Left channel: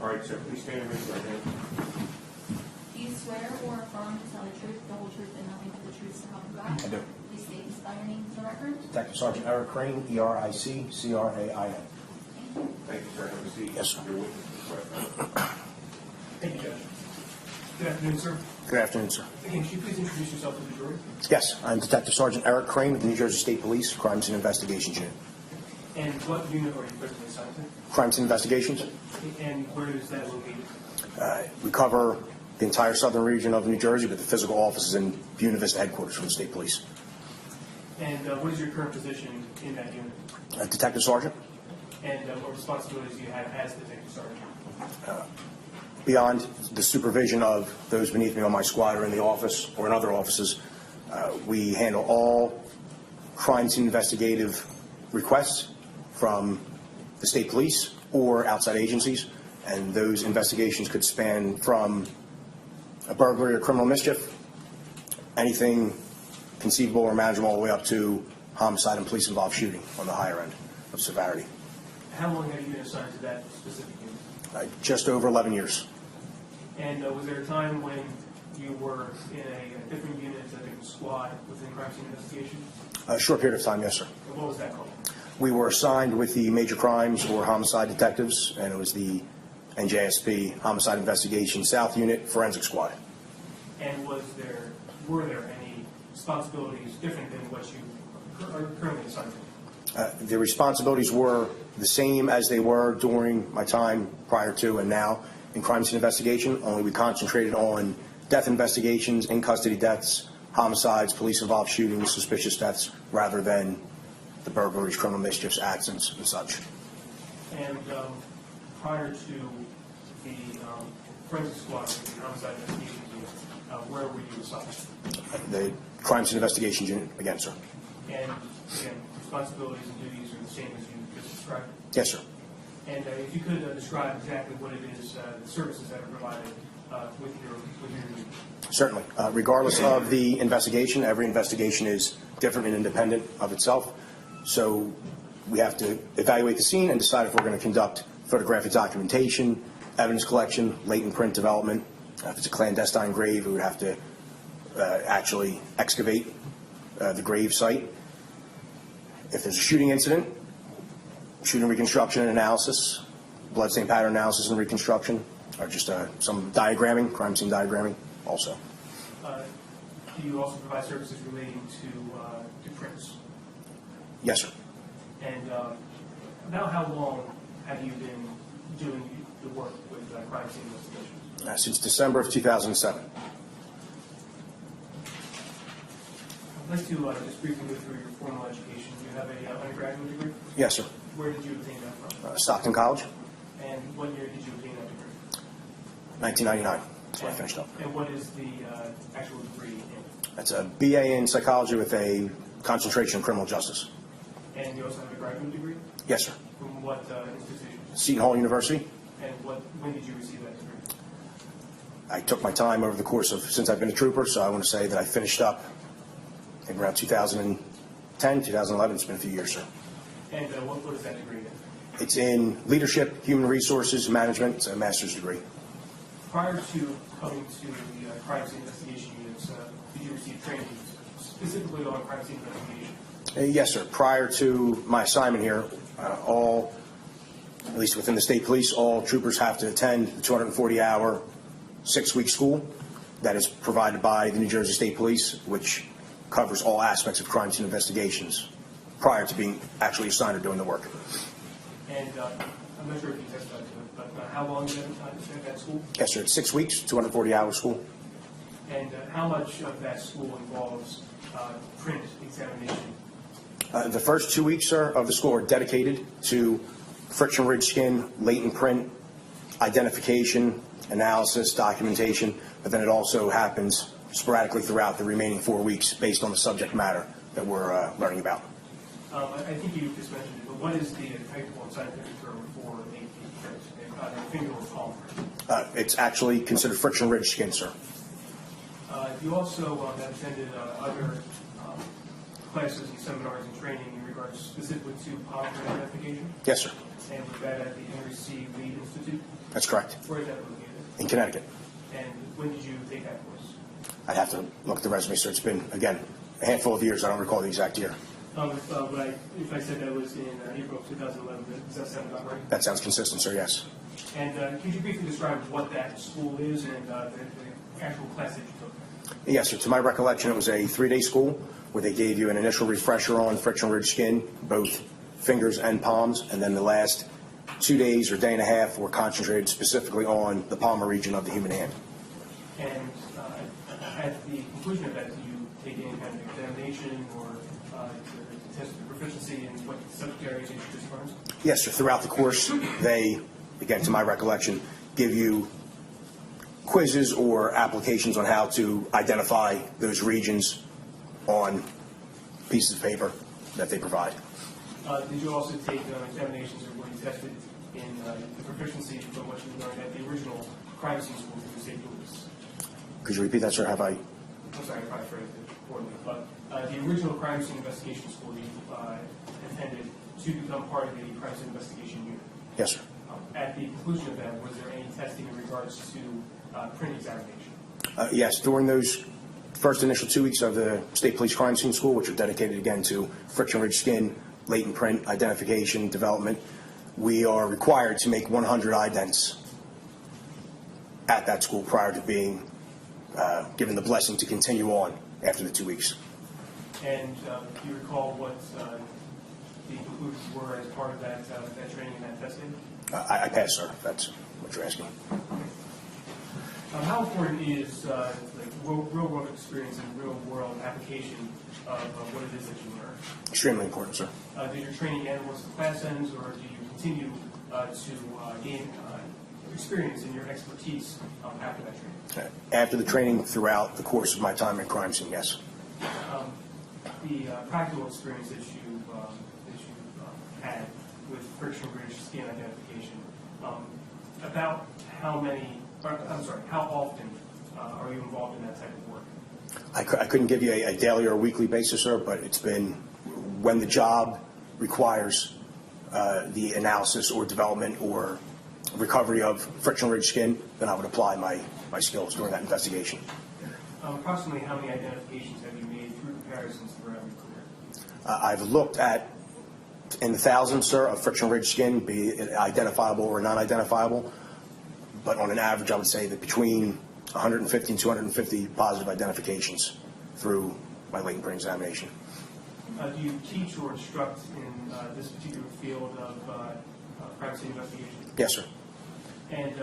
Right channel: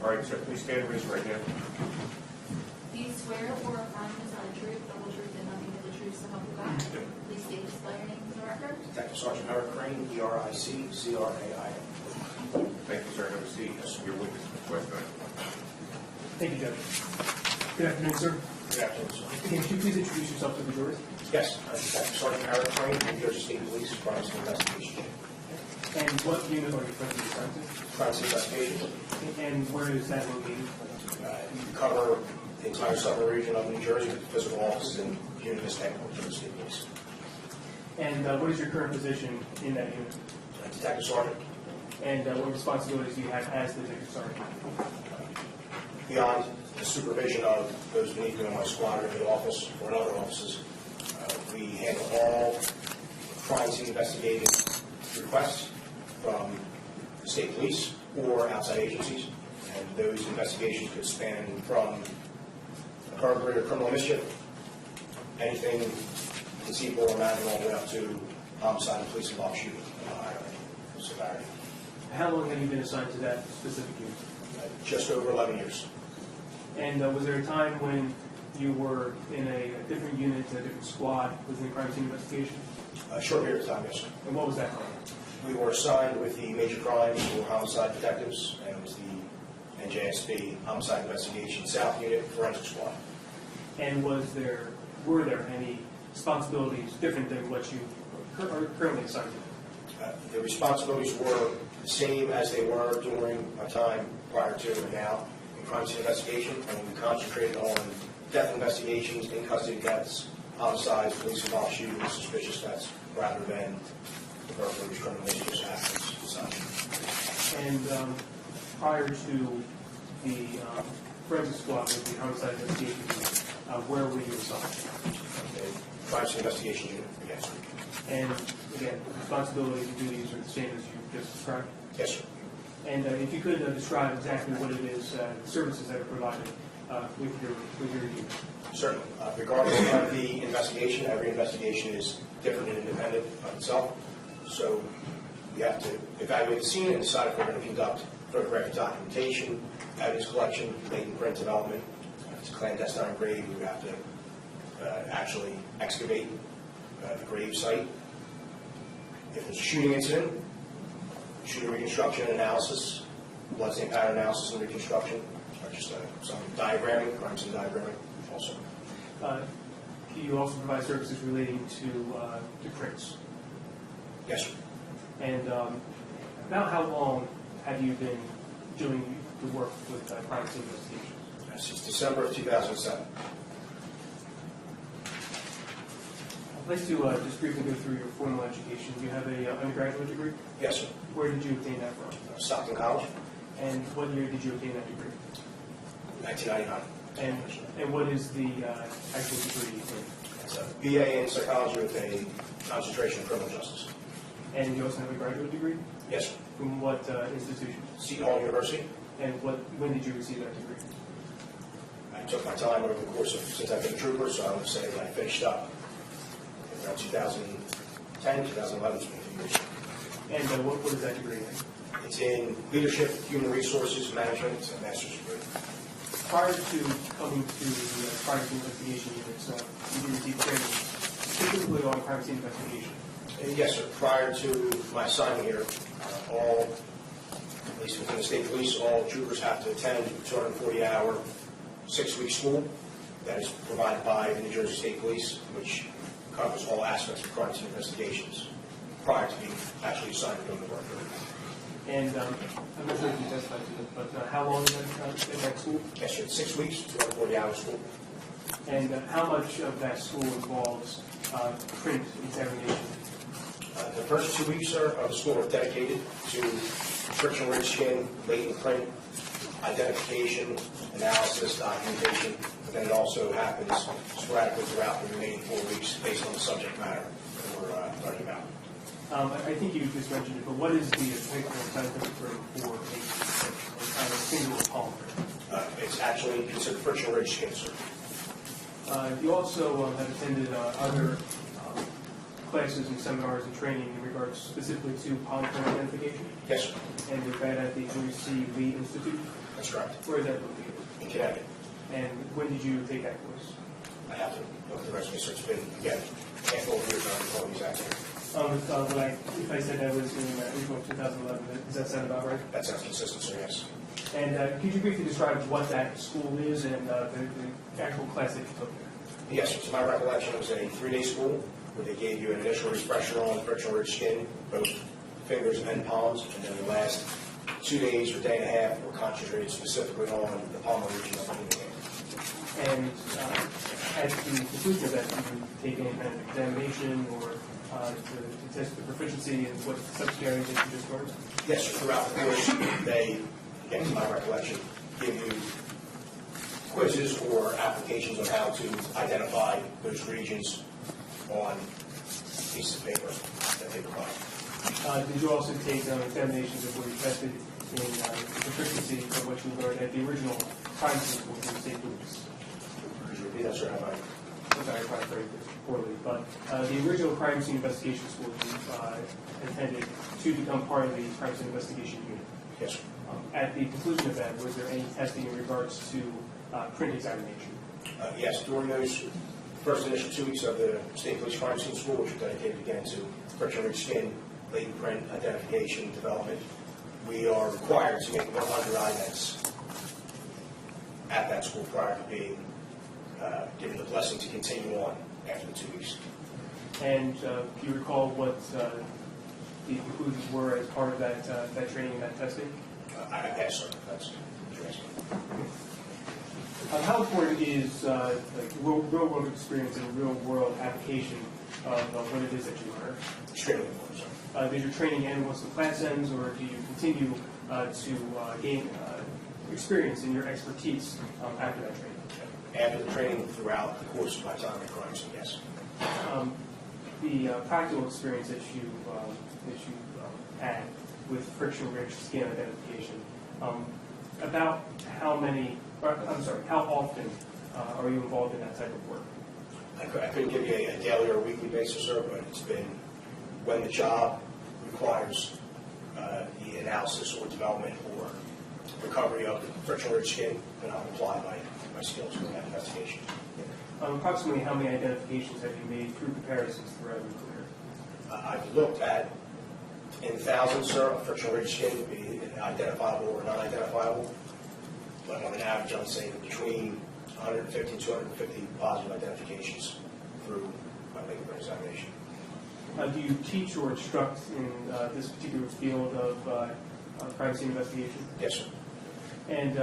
All right, sir, please stand and raise your right hand. Do you swear or affirm to tell the truth, the whole truth, and nothing but the truth so help you God? I do. Please state and spell your name for the record. Detective Sergeant Eric Crain, E-R-I-C-C-R-A-I-N. Thank you, sir. Have a seat. Yes, sir. Your witness request. Thank you, Judge. Good afternoon, sir. Good afternoon, sir. Can you please introduce yourself to the jury? Yes, I'm Detective Sergeant Eric Crain, New Jersey State Police, Crimes and Investigations Unit. And what unit are you presently assigned Crimes and Investigations? to? And where is that located? We cover the entire southern region of New Jersey with physical offices in Buena Vista headquarters for the State Police. And what is your current position in that unit? Detective Sergeant, And what responsibilities do you have as Detective Sergeant? beyond the supervision of those beneath me on my squad or in the office or in other offices, we handle all crime scene investigative requests from the state police or outside agencies, and those investigations could span from a burglary or criminal mischief, anything conceivable or manageable, all the way up to homicide and police-involved shooting on the higher end of severity. How long have you been assigned to that specific unit? Just over 11 years. And was there a time when you were in a different unit, a different squad within crime scene investigation? A short period of time, yes, sir. And what was that called? We were assigned with the major crimes or homicide detectives, and it was the NJSP Homicide Investigation South Unit Forensic Squad. And were there any responsibilities different than what you are currently assigned to? The responsibilities were the same as they were during my time prior to and now in crime scene investigation, only we concentrated on death investigations, in-custody deaths, homicides, police-involved shootings, suspicious deaths, rather than the burglaries, criminal mischiefs, accidents, and such. And prior to the forensic squad with the homicide investigation, where were you assigned? The crime scene investigations unit, again, sir. And again, the responsibilities and duties are the same as you just described. Yes, sir. And if you could describe exactly what it is, the services that are provided with your unit. Certainly. Regardless of the investigation, every investigation is different and independent of itself. So we have to evaluate the scene and decide if we're going to conduct photographic documentation, evidence collection, latent print development. If it's a clandestine grave, we would have to actually excavate the grave site. If there's a shooting incident, shooting reconstruction and analysis, bloodstain pattern analysis and reconstruction, or just some diagramming, crime scene diagramming also. Do you also provide services relating to prints? Yes, sir. And about how long have you been doing the work with crime scene investigations? Since December of 2007. I'd like to just briefly go through your formal education. You have a undergraduate degree? Yes, sir. Where did you obtain that from? Stockton College, And what year did you obtain that degree? 1999. That's when I finished up. And what is the actual degree you obtained? That's a BA in psychology with a concentration in criminal justice. And you also have a graduate degree? Yes, sir. From what institution? Seton Hall University. And when did you receive that degree? I took my time over the course of, since I've been a trooper, so I want to say that I finished up in around 2010, 2011. It's been a few years. And what is that degree in? It's in leadership, human resources, management. It's a master's degree. Prior to coming to the crime scene investigation units, did you receive training specifically on crime scene investigation? Yes, sir. Prior to my assignment here, all, at least within the state police, all troopers have to attend a 240-hour, 6-week school that is provided by the New Jersey State Police, which covers all aspects of crime scene investigations prior to being actually assigned or doing the work. And I'm not sure if you testified to it, but how long have you been in that school? Yes, sir. It's 6 weeks, 240-hour school. And how much of that school involves print examination? The first 2 weeks, sir, of the school are dedicated to friction-rich skin, latent print, identification, analysis, documentation, but then it also happens sporadically throughout the remaining 4 weeks based on the subject matter that we're learning about. I think you just mentioned it, but what is the technical scientific term for a finger or palm print? It's actually considered friction-rich skin, sir. You also have attended other classes and seminars and training in regards specifically to palm print identification? Yes, sir. And you're that at the Henry C. Lee Institute? That's correct. Where is that located? In Connecticut. And when did you take that course? I'd have to look at the resume, so it's been, again, a handful of years. I don't recall the exact year. If I said that was in April of 2011, does that sound about right? That sounds consistent, sir, yes. And could you briefly describe what that school is and the actual class that you took? Yes, sir. To my recollection, it was a 3-day school where they gave you an initial refresher on friction ridge skin, both fingers and palms, and then the last 2 days or day and a half were concentrated specifically on the palmar region of the human hand. And at the conclusion of that, do you take any kind of examination or to test your proficiency in what subject areas that you just learned? Yes, sir. Throughout the course, they, again, to my recollection, give you quizzes or applications on how to identify those regions on pieces of paper that they provide. Did you also take examinations of where you tested in proficiency for what you learned at the original crime scene school in St. Louis? Could you repeat that, sir? I'm sorry, I probably phrased it poorly, but the original crime scene investigation school you intended to become part of the crime scene investigation unit. Yes, sir. At the conclusion of that, was there any testing in regards to print examination? Yes, during those first initial 2 weeks of the State Police Crime Scene School, which are dedicated again to friction ridge skin, latent print, identification, development, we are required to make 100 idents at that school prior to being given the blessing to continue on after the 2 weeks. And do you recall what the conclusions were as part of that training and that testing? I pass, sir, if that's what you're asking. How important is the real-world experience and real-world application of what it is that you learn? Extremely important, sir. Does your training end once the class ends, or do you continue to gain experience in your expertise after that training? Okay. After the training, throughout the course of my time at crime scene, yes. The practical experience that you had with friction ridge skin identification, about how often are you involved in that type of work? I couldn't give you a daily or a weekly basis, sir, but it's been when the job requires the analysis or development or recovery of friction ridge skin, then I would apply my skills during that investigation. Approximately how many identifications have you made through comparisons throughout your career? I've looked at in the thousands, sir, of friction ridge skin, be it identifiable or non-identifiable, but on an average, I would say that between 150 and 250 positive identifications through my latent print examination. Do you teach or instruct in this particular field of crime scene investigation? Yes, sir. And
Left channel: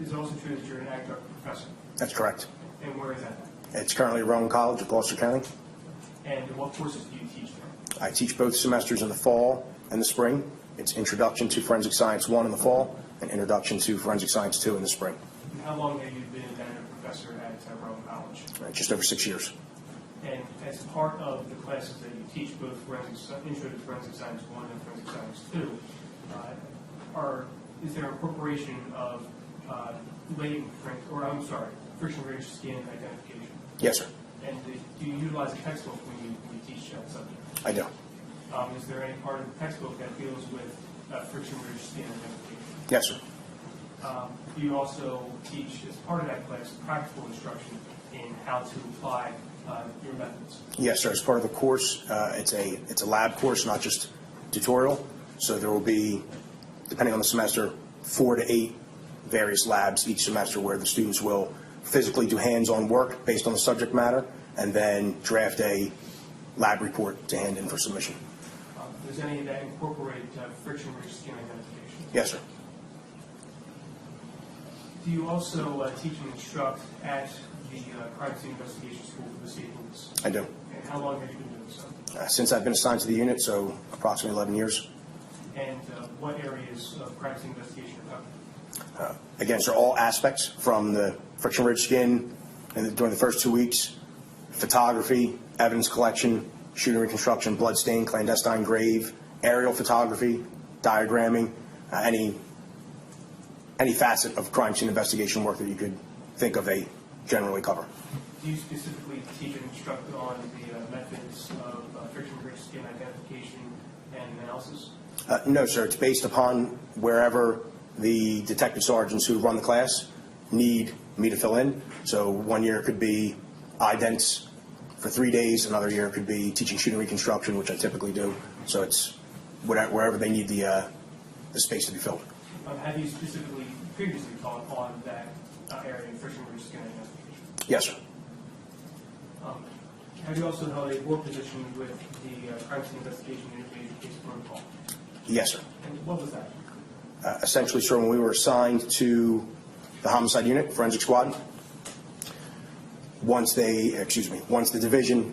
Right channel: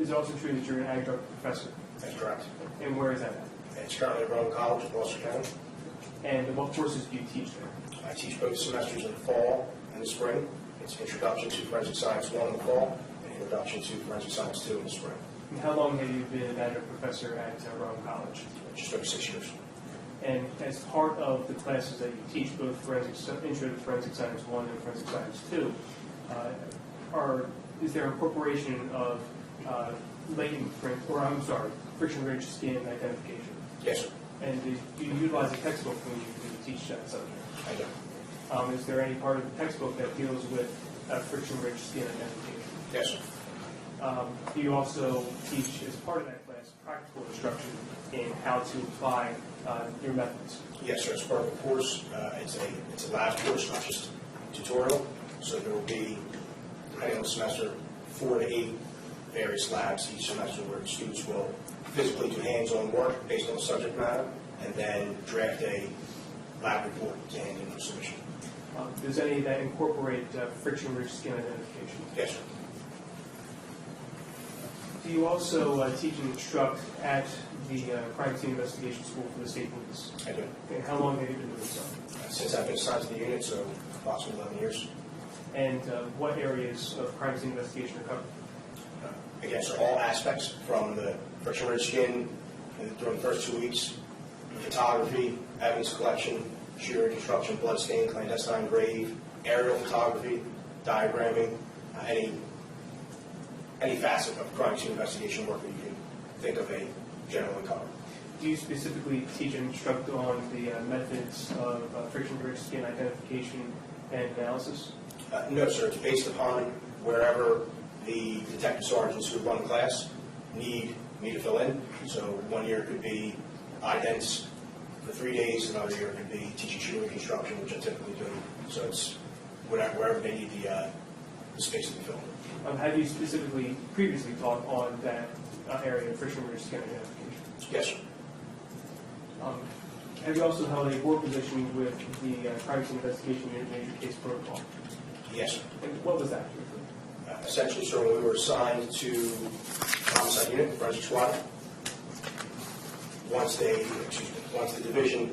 is it also true that you're an adjunct professor? That's correct. And where is that at? It's currently at Rowan College in Gloucester County. And what courses do you teach there? I teach both semesters in the fall and the spring. It's Introduction to Forensic Science 1 in the fall and Introduction to Forensic Science 2 in the spring. And how long have you been an adjunct professor at Rowan College? Just over 6 years. And as part of the classes that you teach, both Intro to Forensic Science 1 and Forensic Science 2, is there incorporation of latent print, friction ridge skin identification? Yes, sir. And do you utilize a textbook when you teach that subject? I do. Is there any part of the textbook that deals with friction ridge skin identification? Yes, sir. Do you also teach, as part of that class, practical instruction in how to apply your methods? Yes, sir. As part of the course, it's a lab course, not just tutorial. So there will be, depending on the semester, 4 to 8 various labs each semester where the students will physically do hands-on work based on the subject matter and then draft a lab report to hand in for submission. Does any of that incorporate friction ridge skin identification? Yes, sir. Do you also teach and instruct at the crime scene investigation school for the state police? I do. And how long have you been doing so? Since I've been assigned to the unit, so approximately 11 years. And what areas of crime scene investigation are covered? Again, sir, all aspects from the friction ridge skin during the first 2 weeks, photography, evidence collection, shooting reconstruction, bloodstain, clandestine grave, aerial photography, diagramming, any facet of crime scene investigation work that you could think of a generally cover. Do you specifically teach and instruct on the methods of friction ridge skin identification and analysis? No, sir. It's based upon wherever the detective sergeants who run the class need me to fill in. So 1 year could be idents for 3 days, another year could be teaching shooting reconstruction, which I typically do. So it's wherever they need the space to be filled. Have you specifically previously taught on that area of friction ridge skin identification? Yes, sir. Have you also held a board position with the Crime Scene Investigation Unit Major Case Protocol? Yes, sir. And what was that? Essentially, sir, when we were assigned to the homicide unit, forensic squad, once the division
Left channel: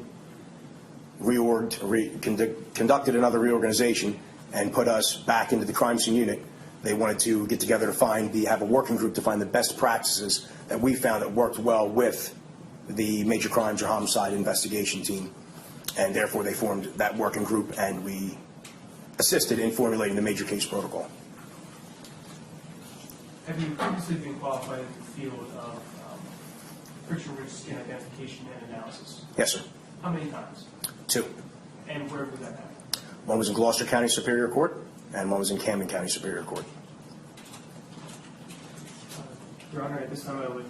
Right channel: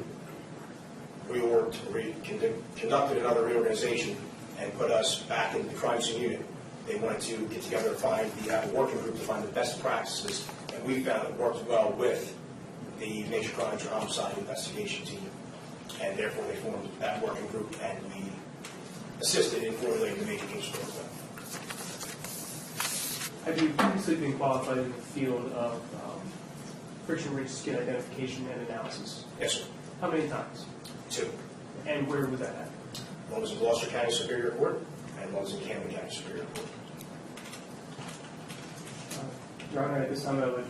conducted another reorganization and put us back into the crime scene unit, they wanted to get together to have a working group to find the best practices that we found that worked well with the major crimes or homicide investigation team, and therefore they formed that working group, and we assisted in formulating the major case protocol. Have you previously been qualified in the field of friction ridge skin identification and analysis? Yes, sir. How many times? 2. And where was that at? One was in Gloucester County Superior Court, and one was in Camden County Superior Court. Your Honor, at this time I would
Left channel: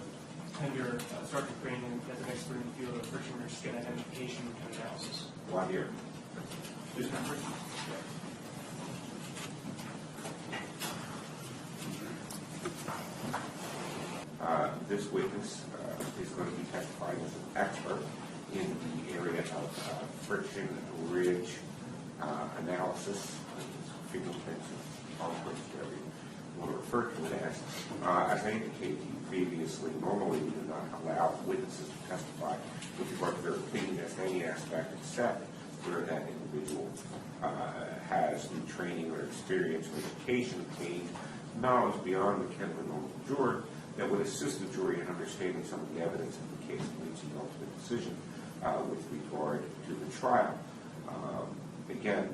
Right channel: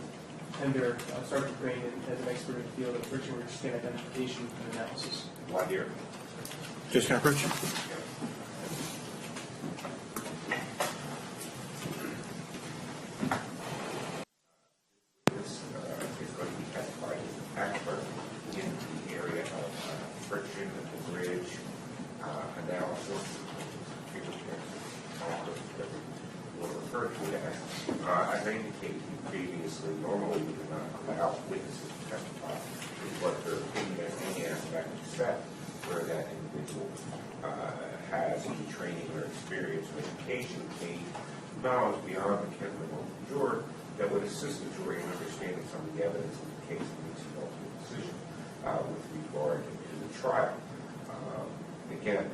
tender Sergeant Crain as an expert in the field of friction ridge skin identification and analysis. 1 year. Just kind of approach. This witness is going to be testified as an expert in the area of friction ridge analysis, fingerprint, what referred to as. As I indicated to you previously, normally we do not allow witnesses to testify with regard to their opinion as any aspect except where that individual has any training or experience or education obtained, knowledge beyond the ken of the juror that would assist the jury in understanding some of the evidence in the case and its ultimate decision with regard to the trial. Again,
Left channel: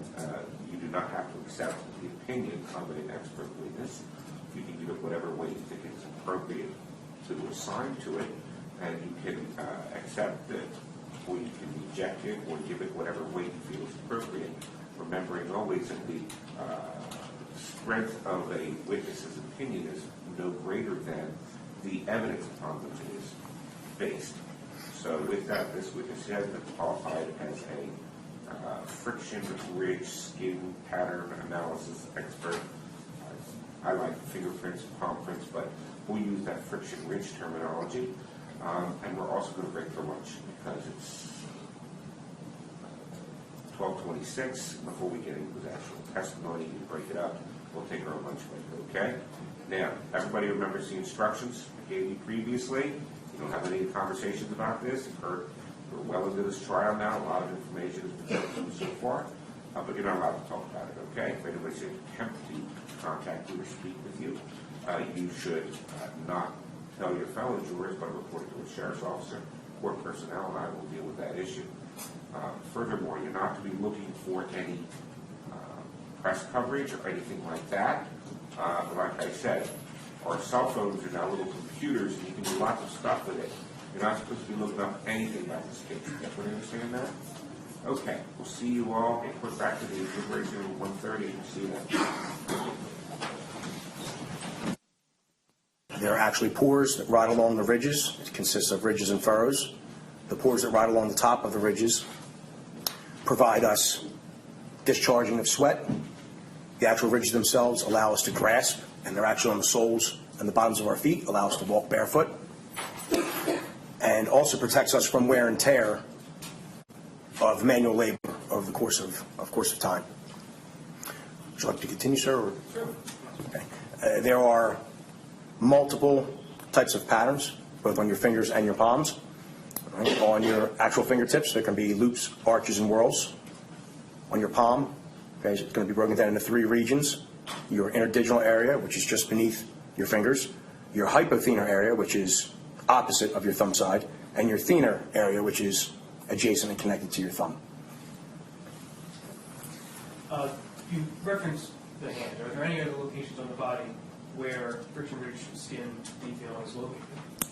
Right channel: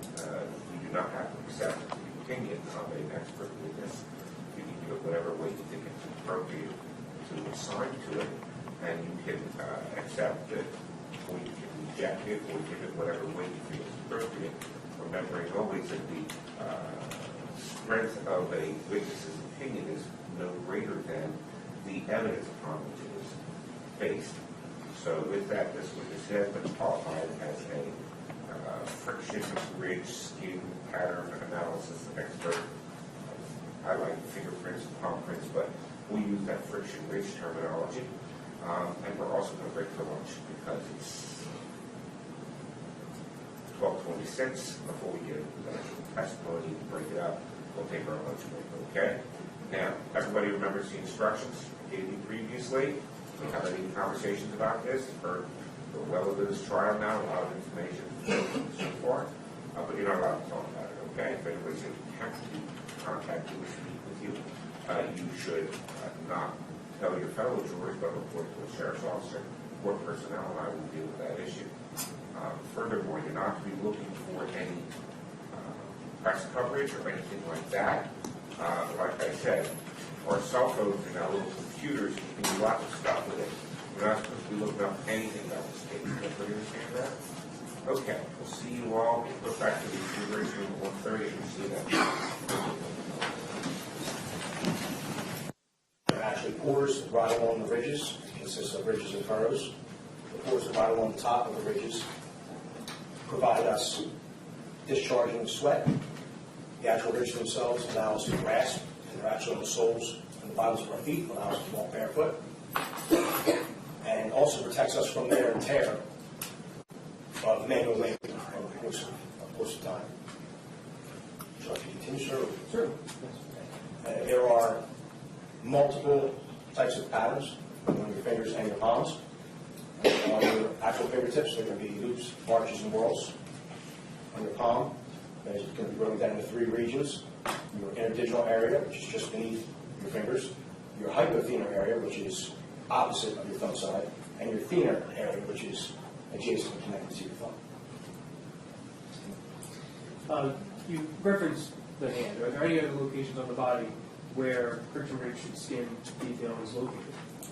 you do not have to accept the opinion of an expert witness. You can give it whatever way you think it's appropriate to assign to it, and you can accept it, or you can reject it, or give it whatever way you feel is appropriate, remembering always that the strength of a witness's opinion is no greater than the evidence upon which it is based. So with that, this witness has been qualified as a friction ridge skin pattern analysis expert. I like fingerprints and palm prints, but we use that friction ridge terminology. And we're also going to break for lunch because it's 12:26. Before we get into the actual testimony and break it up, we'll take our lunch break, okay? Now, everybody remembers the instructions I gave you previously. We don't have any conversations about this. You've heard well into this trial now, a lot of information so far, but you're not allowed to talk about it, okay? If anybody's going to attempt to contact you or speak with you, you should not tell your fellow jurors, but report to the sheriff's officer or personnel, and I will deal with that issue. Furthermore, you're not to be looking for any press coverage or anything like that. Like I said, our cell phones are now little computers, and you can do lots of stuff with it. You're not supposed to be looking up anything about this case. Does everybody understand that? Okay, we'll see you all. We'll put back to the deliberation room at 1:30 and see you then. There are actually pores that ride along the ridges. It consists of ridges and furrows. The pores that ride along the top of the ridges provide us discharging of sweat. The actual ridges themselves allow us to grasp, and they're actually on the soles and the bottoms of our feet, allow us to walk barefoot, and also protects us from wear and tear of manual labor over the course of time. Would you like to continue, sir? Or? Sure. Okay. There are multiple types of patterns, both on your fingers and your palms. Right? On your actual fingertips, there can be loops, arches, and whorls. On your palm, okay, it's going to be broken down into 3 regions. Your interdigital area, which is just beneath your fingers. Your hypothenar area, which is opposite of your thumb side. And your thenar area, which is adjacent and connected to your thumb. You referenced the hand. Are there any other locations on the body where friction ridge skin detail is located?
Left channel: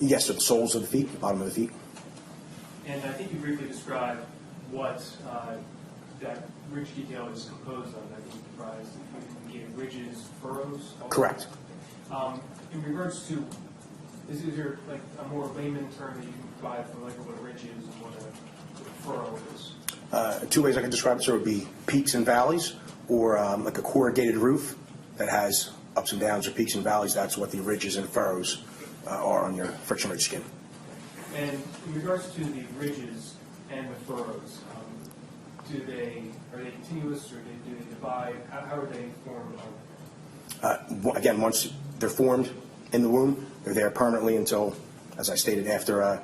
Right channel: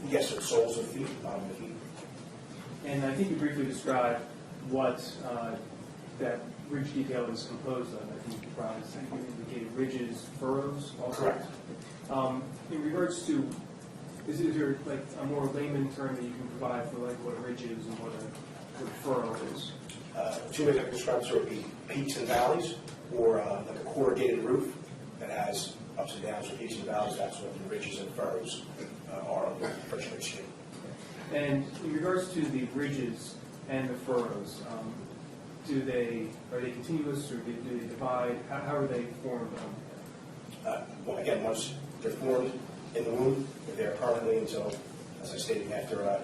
Yes, the soles of the feet, the bottom of the feet. And I think you briefly described what that ridge detail is composed of. I think you gave ridges, furrows. Also. Correct. In regards to, is there like a more layman term that you can provide for like what a ridge is and what a furrow is? Two ways I could describe it, sir, would be peaks and valleys, or like a corrugated roof that has ups and downs or peaks and valleys. That's what the ridges and furrows are on your friction ridge skin. And in regards to the ridges and the furrows, are they continuous or do they divide? How are they formed? Again, once they're formed in the womb, they're there permanently until, as I stated, after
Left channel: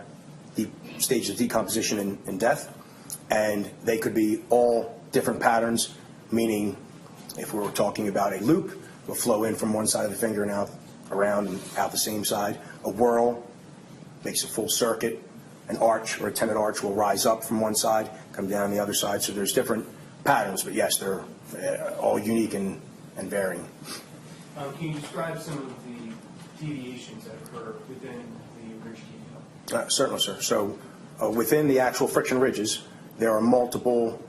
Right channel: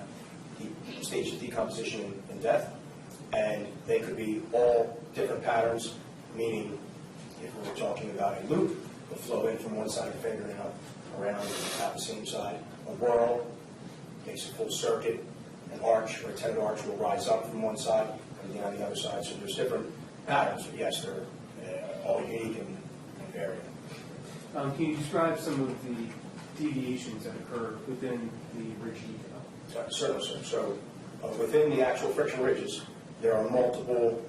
the stage of decomposition and death. And they could be all different patterns, meaning if we were talking about a loop, it will flow in from one side of the finger and out around and out the same side. A whirl makes a full circuit. An arch or a tenon arch will rise up from one side, come down the other side. So there's different patterns, but yes, they're all unique and varying. Can you describe some of the deviations that occur within the ridge detail? Certainly, sir. So within the actual friction ridges, there are multiple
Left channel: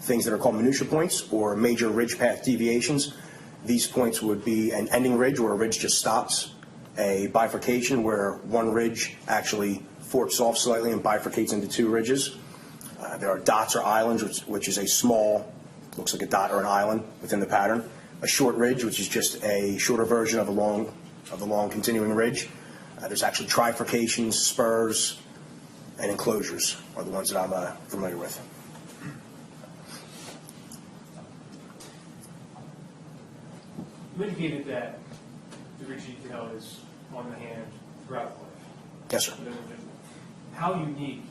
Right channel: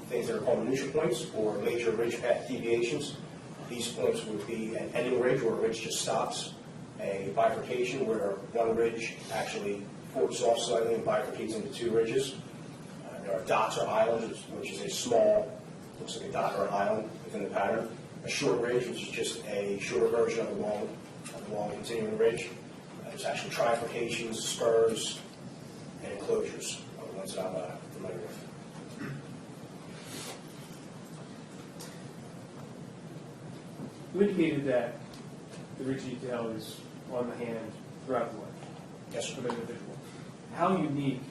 things that are called minutia points or major ridge path deviations. These points would be an ending ridge where a ridge just stops, a bifurcation where one ridge actually forks off slightly and bifurcates into two ridges. There are dots or islands, which is a small, looks like a dot or an island within the pattern. A short ridge, which is just a shorter version of the long continuing ridge. There's actually trifurcations, spurs, and enclosures are the ones that I'm familiar with. You indicated that the ridge detail is on the hand throughout the life. Yes, sir. Of an individual. How unique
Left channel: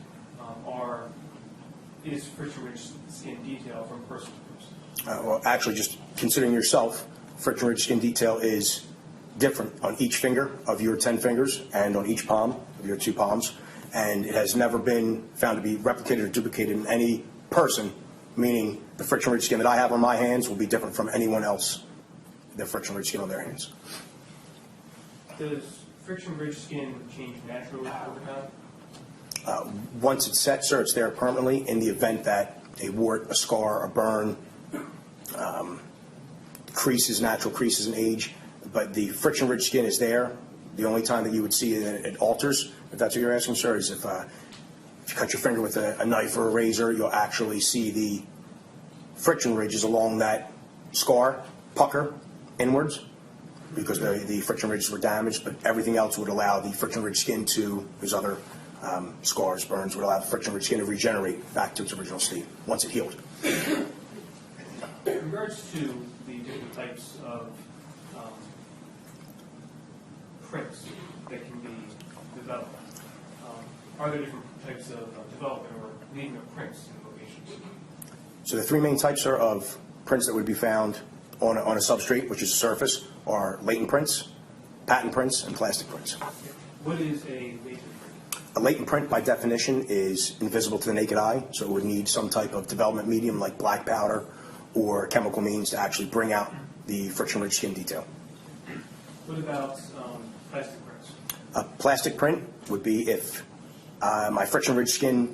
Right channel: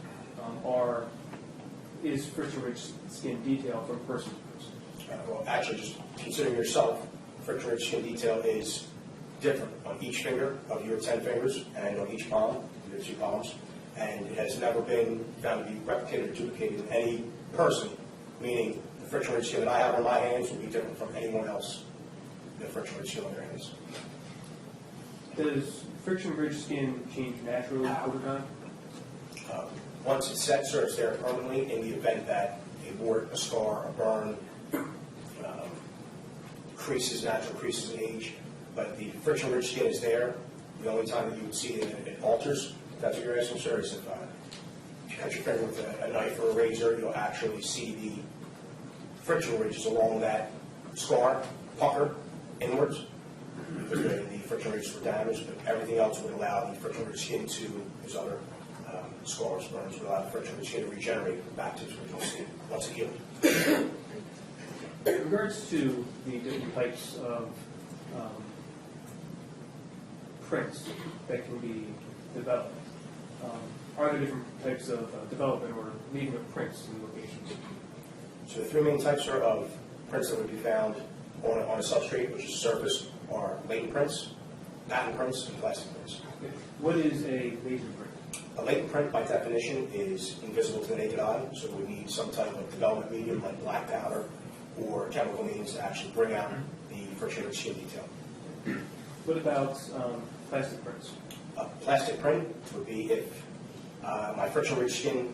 is friction ridge skin detail from person to person? Well, actually, just considering yourself, friction ridge skin detail is different on each finger of your 10 fingers and on each palm of your 2 palms, and it has never been found to be replicated or duplicated in any person, meaning the friction ridge skin that I have on my hands will be different from anyone else, the friction ridge skin on their hands. Does friction ridge skin change naturally over time? Once it's set, sir, it's there permanently in the event that a wart, a scar, a burn, creases, natural creases in age, but the friction ridge skin is there. The only time that you would see that it alters, if that's what you're asking, sir, is if you cut your finger with a knife or a razor, you'll actually see the friction ridges along that scar pucker inwards because the friction ridges were damaged, but everything else would allow the friction ridge skin to, there's other scars, burns, would allow the friction ridge skin to regenerate back to its original state once it healed. In regards to the different types of prints that can be developed, are there different types of development or leaving of prints in locations? So the 3 main types are of prints that would be found on a substrate, which is a surface, are latent prints, patent prints, and plastic prints. What is a latent print? A latent print, by definition, is invisible to the naked eye, so it would need some type of development medium like black powder or chemical means to actually bring out the friction-rich skin detail. What about plastic prints? A plastic print would be if my friction-rich skin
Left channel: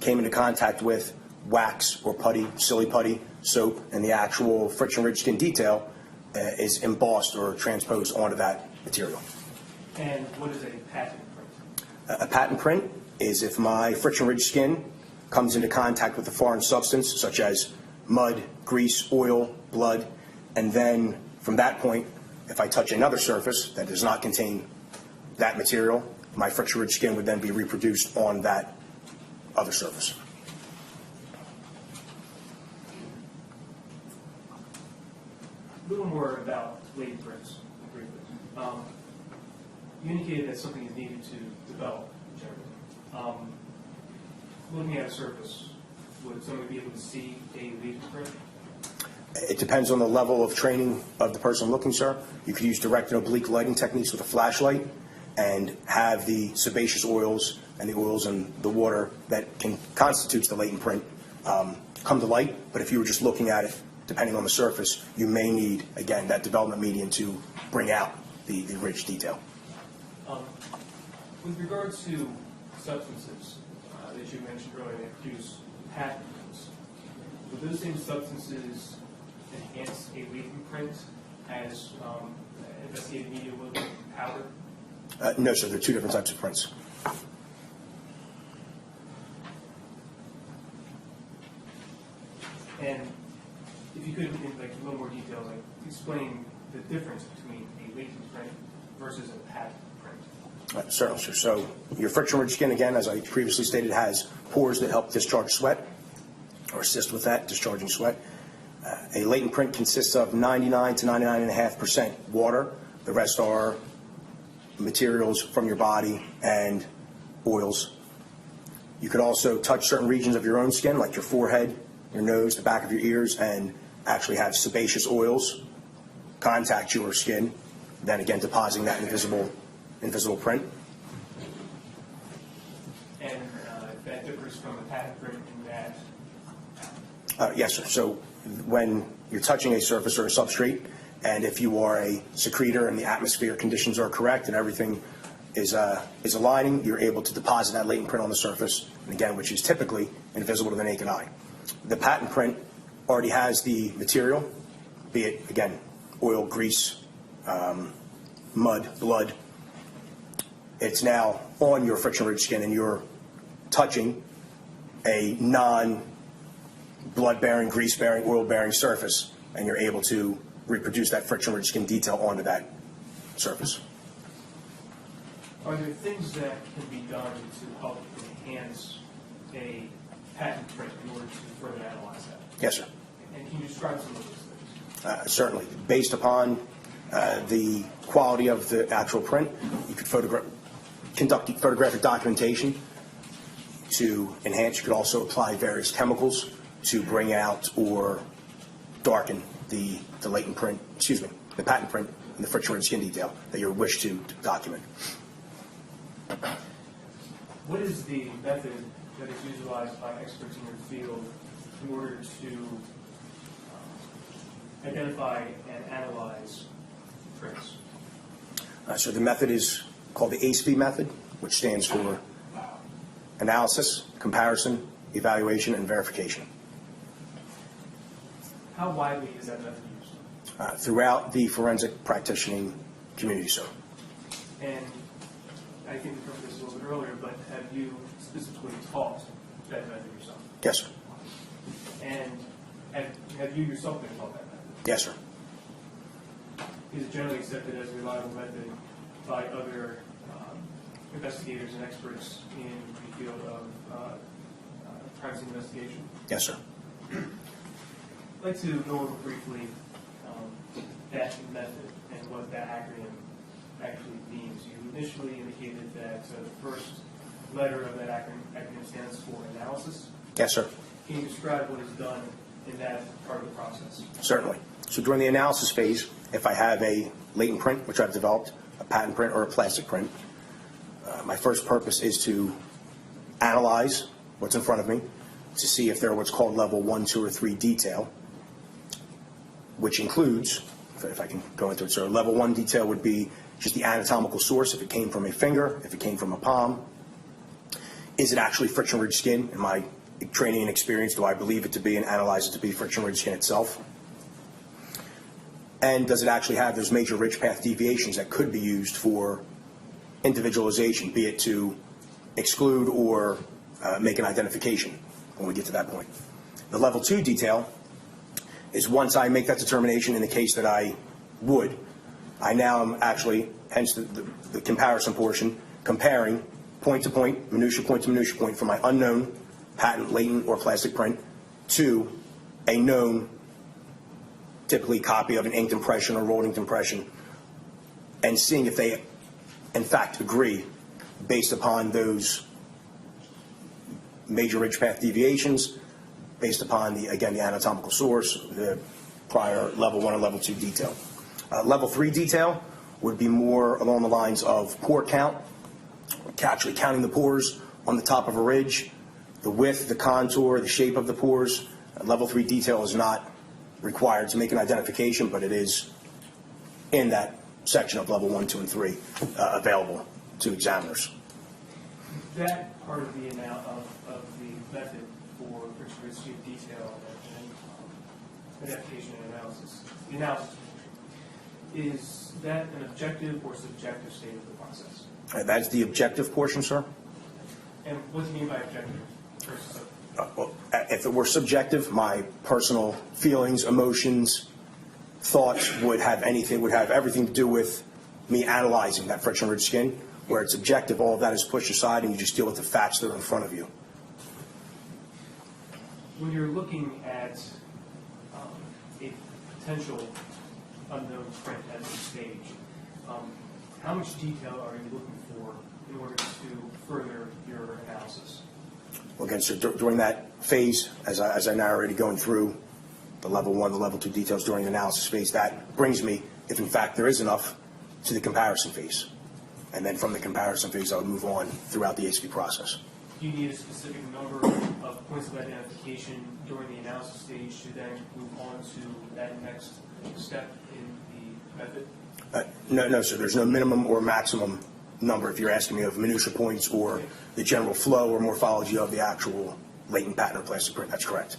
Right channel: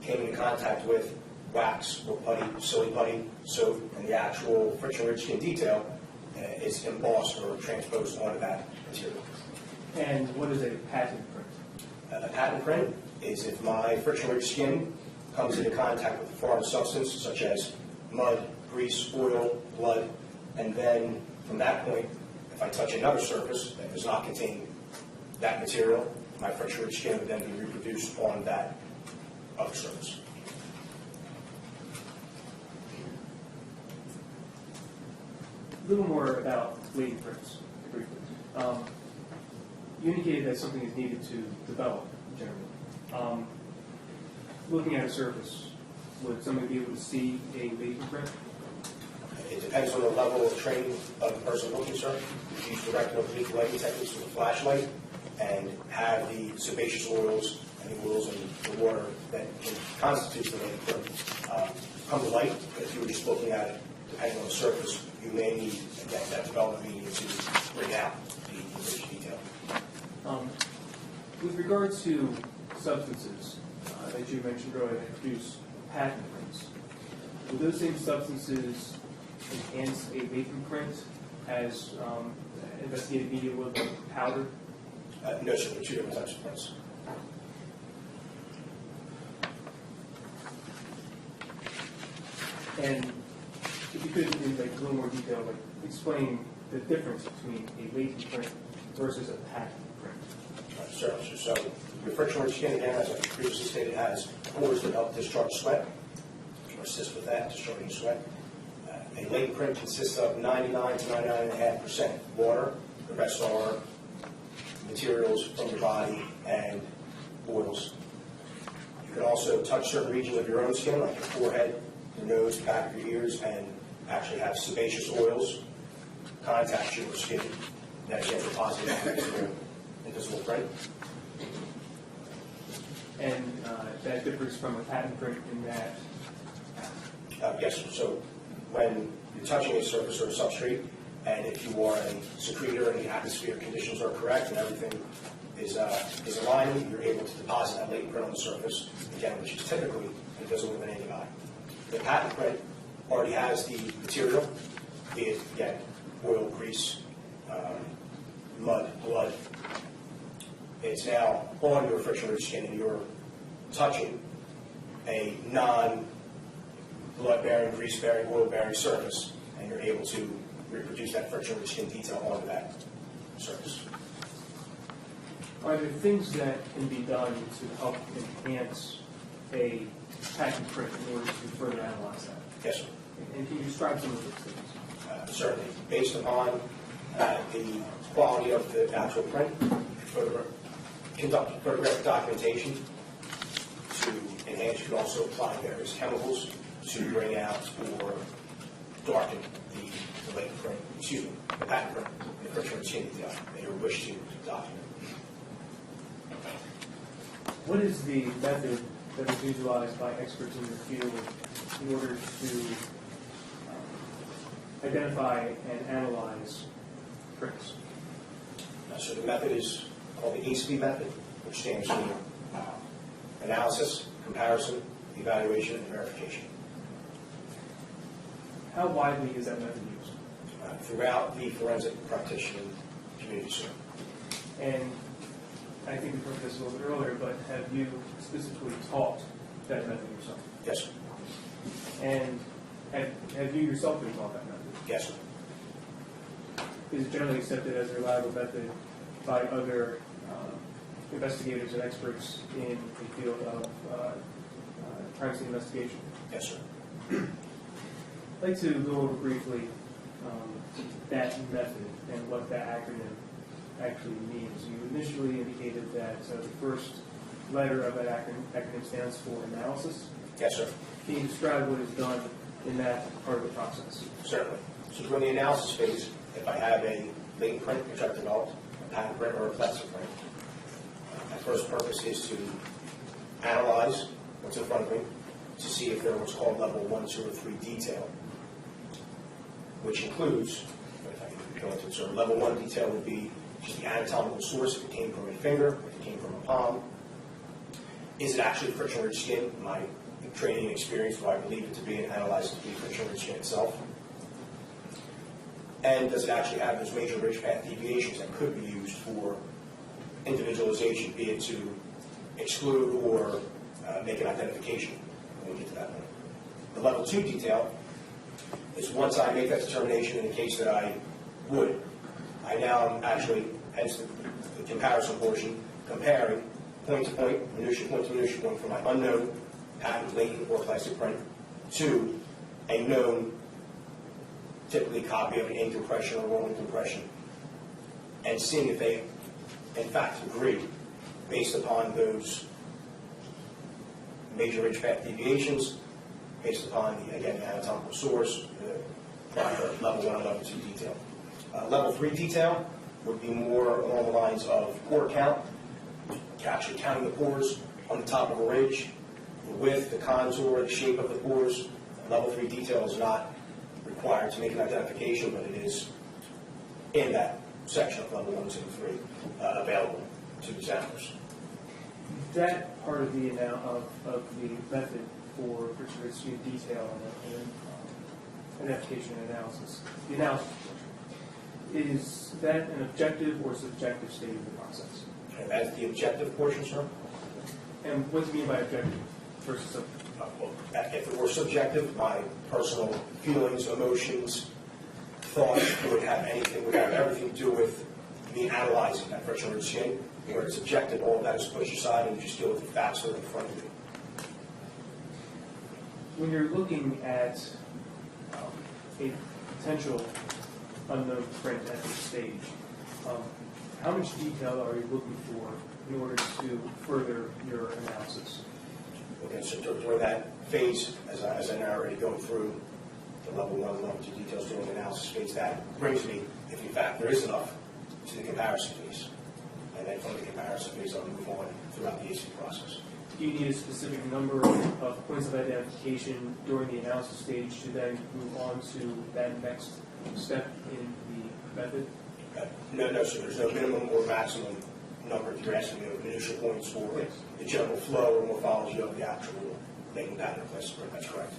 came into contact with wax or putty, silly putty, soap, and the actual friction-rich skin detail is embossed or transposed onto that material. And what is a patent print? A patent print is if my friction-rich skin comes into contact with a foreign substance such as mud, grease, oil, blood, and then from that point, if I touch another surface that does not contain that material, my friction-rich skin would then be reproduced on that other surface. A little more about latent prints, briefly. You indicated that something is needed to develop, generally. Looking at a surface, would someone be able to see a latent print? It depends on the level of training of the person looking, sir. You can use direct and oblique lighting techniques with a flashlight and have the sebaceous oils and the oils in the water that can constitute the latent print come to light. But if you were just looking at it, depending on the surface, you may need, again, that development medium to bring out the rich detail. With regards to substances that you mentioned earlier that produce patent prints, would those same substances enhance a latent print as investigative media will be powder? No, sir, they're two different types of prints. And if you could, in like a little more detail, like explain the difference between a latent print versus a patent print. Certainly, sir. So your friction-rich skin, again, as I previously stated, has pores that help discharge sweat or assist with that, discharging sweat. A latent print consists of 99 to 99.5% water. The rest are materials from your body and oils. You could also touch certain regions of your own skin, like your forehead, your nose, the back of your ears, and actually have sebaceous oils contact your skin, then again depositing that invisible print. And that differs from a patent print in that. Yes, sir. So when you're touching a surface or a substrate, and if you are a secretor and the atmosphere conditions are correct and everything is aligning, you're able to deposit that latent print on the surface, and again, which is typically invisible to the naked eye. The patent print already has the material, be it, again, oil, grease, mud, blood. It's now on your friction-rich skin, and you're touching a non-blood-bearing, grease-bearing, oil-bearing surface, and you're able to reproduce that friction-rich skin detail onto that surface. Are there things that can be done to help enhance a patent print in order to further analyze that? Yes, sir. And can you describe some of those things? Certainly. Based upon the quality of the actual print, you could conduct photographic documentation to enhance. You could also apply various chemicals to bring out or darken the latent print, the patent print and the friction-rich skin detail that you wish to document. What is the method that is utilized by experts in the field in order to identify and analyze prints? So the method is called the ACE-V method, which stands for analysis, comparison, evaluation, and verification. How widely is that method used? Throughout the forensic practitioning community, sir. And I think we covered this a little bit earlier, but have you specifically taught that method yourself? Yes, sir. And have you yourself been taught that method? Yes, sir. Is it generally accepted as a reliable method by other investigators and experts in the field of crime scene investigation? Yes, sir. I'd like to go over briefly that method and what that acronym actually means. You initially indicated that the first letter of that acronym stands for analysis. Yes, sir. Can you describe what is done in that part of the process? Certainly. So during the analysis phase, if I have a latent print, which I've developed, a patent print or a plastic print, my first purpose is to analyze what's in front of me to see if they're what's called level 1, 2, or 3 detail, which includes, if I can go into it, so level 1 detail would be just the anatomical source, if it came from a finger, if it came from a palm. Is it actually friction-rich skin? In my training and experience, do I believe it to be and analyze it to be friction-rich skin itself? And does it actually have those major ridge path deviations that could be used for individualization, be it to exclude or make an identification when we get to that point? The level 2 detail is once I make that determination in the case that I would, I now am actually, hence the comparison portion, comparing point to point, minutia point to minutia point from my unknown patent, latent, or plastic print to a known, typically copy of an inked impression or rolled inked impression, and seeing if they, in fact, agree based upon those major ridge path deviations, based upon, the anatomical source, the prior level 1 and level 2 detail. Level 3 detail would be more along the lines of pore count, actually counting the pores on the top of a ridge, the width, the contour, the shape of the pores. Level 3 detail is not required to make an identification, but it is in that section of level 1, 2, and 3 available to examiners. That part of the method for friction-rich skin detail and identification and analysis, the analysis portion, Is that an objective or subjective state of the process? That is the objective portion, sir. And what do you mean by objective versus subjective? Well, if it were subjective, my personal feelings, emotions, thoughts would have everything to do with me analyzing that friction-rich skin. Where it's objective, all of that is pushed aside, and you just deal with the facts that are in front of you. When you're looking at a potential unknown print at this stage, how much detail are you looking for in order to further your analysis? Well, again, so during that phase, as I narrated, going through the level 1, the level 2 details during the analysis phase, that brings me, if in fact there is enough, to the comparison phase. And then from the comparison phase, I would move on throughout the ASP process. Do you need a specific number of points of identification during the analysis stage to then move on to that next step in the method? No, sir. There's no minimum or maximum number if you're asking me of minutia points or the general flow or morphology of the actual latent pattern or plastic print. That's correct.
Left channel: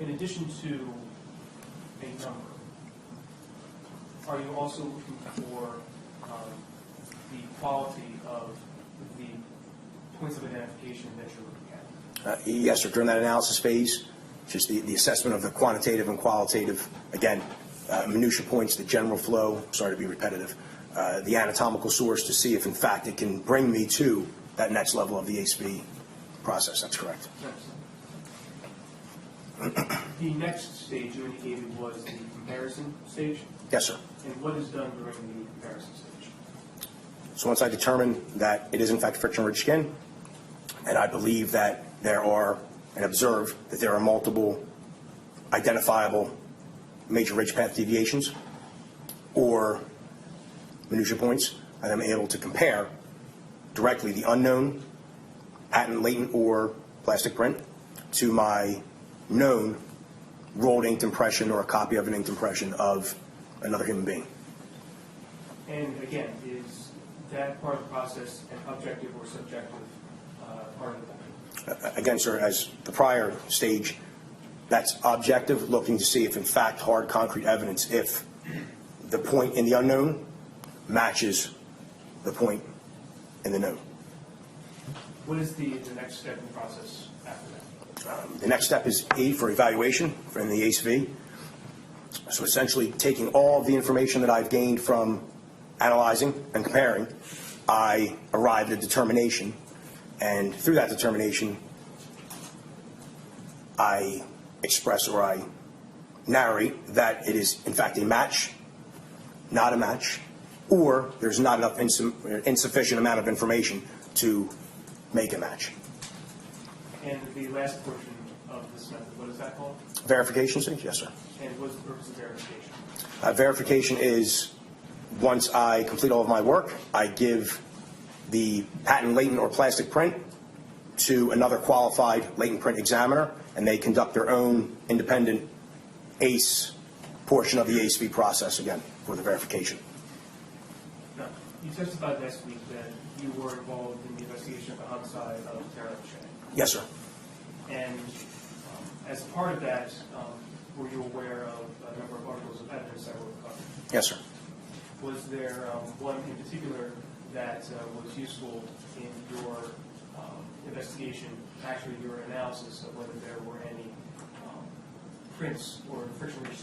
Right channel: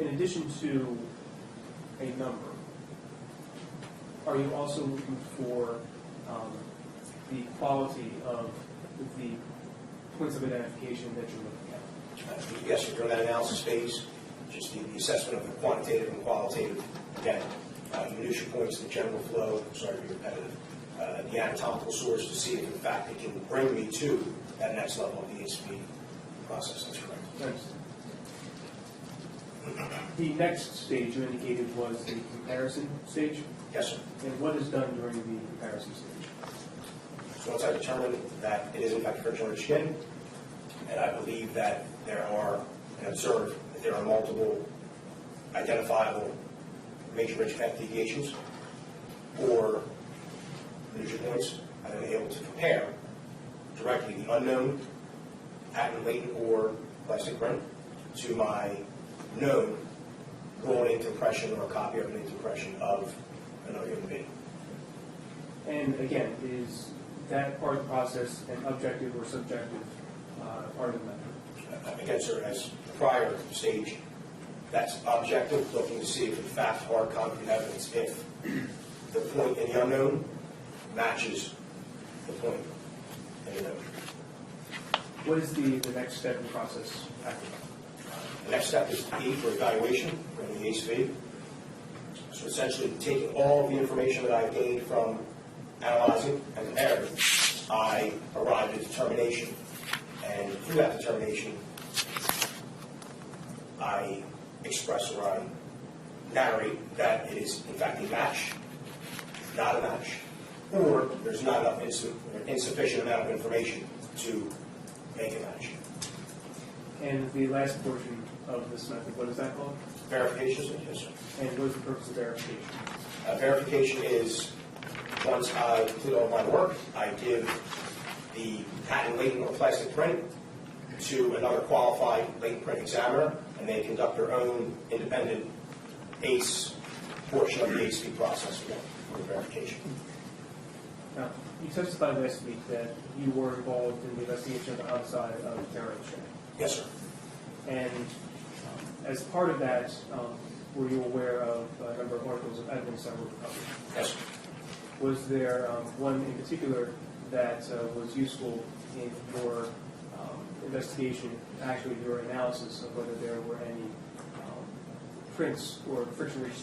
In addition to a number, are you also looking for the quality of the points of identification that you're looking at? Yes, sir. During that analysis phase, just the assessment of the quantitative and qualitative, again, minutia points, the general flow, sorry to be repetitive, the anatomical source to see if, in fact, it can bring me to that next level of the ASP process. That's correct. The next stage you indicated was the comparison stage? Yes, sir. And what is done during the comparison stage? So once I determine that it is, in fact, friction-rich skin, and I believe that there are, and observe that there are multiple identifiable major ridge path deviations or minutia points, and I'm able to compare directly the unknown patent, latent, or plastic print to my known rolled inked impression or a copy of an inked impression of another human being. And again, is that part of the process an objective or subjective part of the method? Again, sir, as the prior stage, that's objective, looking to see if, in fact, hard concrete evidence, if the point in the unknown matches the point in the known. What is the next step in the process after that? The next step is E for evaluation in the ASV. So essentially, taking all of the information that I've gained from analyzing and comparing, I arrive at a determination, and through that determination, I express or I narrate that it is, in fact, a match, not a match, or there's not enough insufficient amount of information to make a match. And the last portion of this method, what is that called? Verification stage? Yes, sir. And what is the purpose of verification? Verification is once I complete all of my work, I give the patent latent or plastic print to another qualified latent print examiner, and they conduct their own independent ACE portion of the ASV process, again, for the verification. Now, you testified last week that you were involved in the investigation of the homicide of Tara O'Shea. Yes, sir. And as part of that, were you aware of a number of articles of evidence that were recovered? Yes, sir. Was there one in particular that was useful in your investigation, actually your analysis of whether there were any prints or friction-rich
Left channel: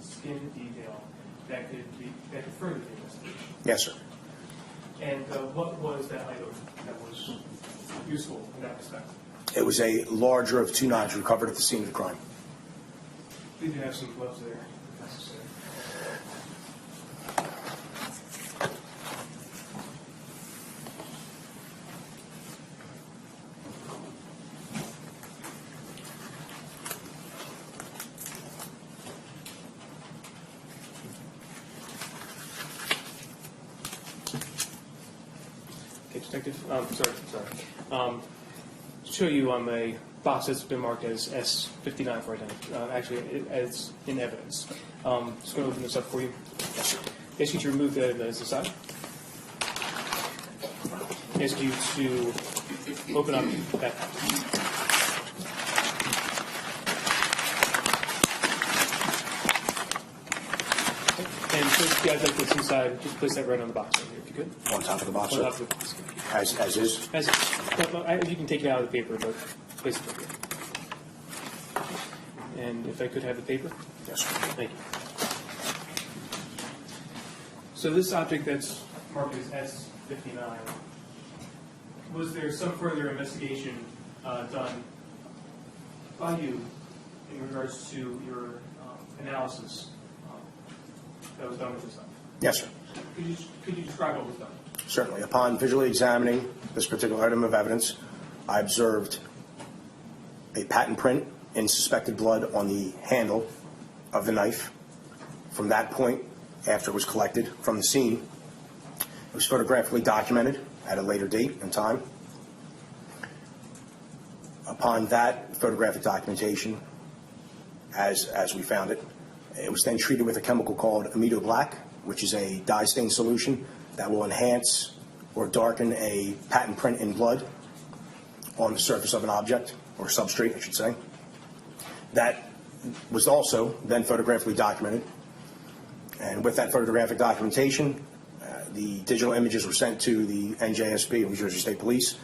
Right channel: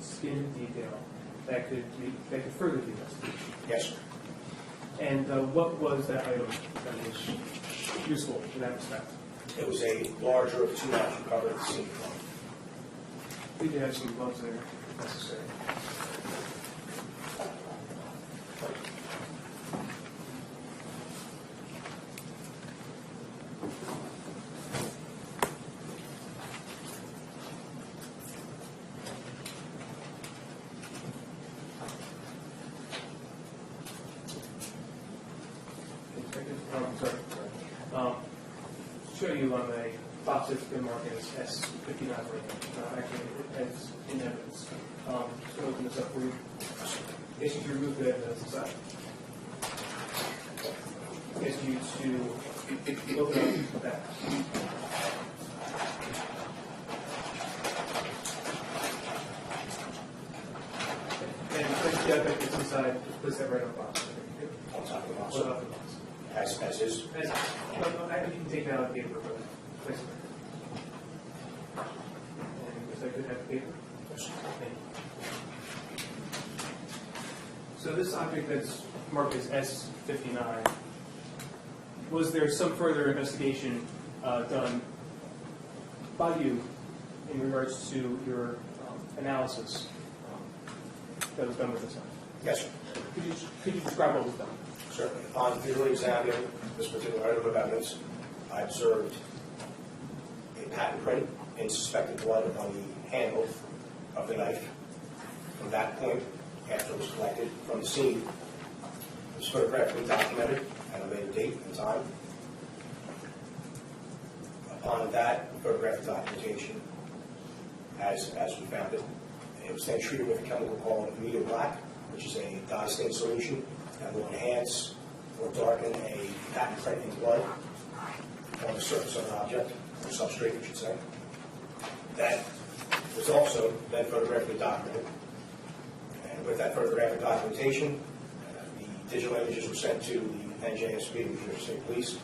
skin detail that could further the investigation? Yes, sir. And what was that item that was useful in that respect? It was a larger of 2 knives recovered at the scene of the crime. Did you have some gloves there if necessary? Okay, Detective. Sorry. To show you on the box that's been marked as S59 for identity, actually as in evidence. Just going to open this up for you. Ask you to remove the side. Ask you to open up that. get that this inside, just place that right on the box right here, if you could. On top of the box, On sir? top of the box. As is? As, no, you can take it out of the paper, but place it right here. And if I could have the paper? Yes, sir. Thank you. So this object that's marked as S59, was there some further investigation done by you in regards to your analysis that was done with this item? Yes, sir. Could you describe what was done? Certainly. Upon visually examining this particular item of evidence, I observed a patent print in suspected blood on the handle of the knife. From that point, after it was collected from the scene, it was photographically documented at a later date and time. Upon that photographic documentation, as we found it, it was then treated with a chemical called amido black, which is a dye stain solution that will enhance or darken a patent print in blood on the surface of an object, or substrate, I should say. That was also then photographically documented. And with that photographic documentation, the digital images were sent to the NJSP, New Jersey State Police,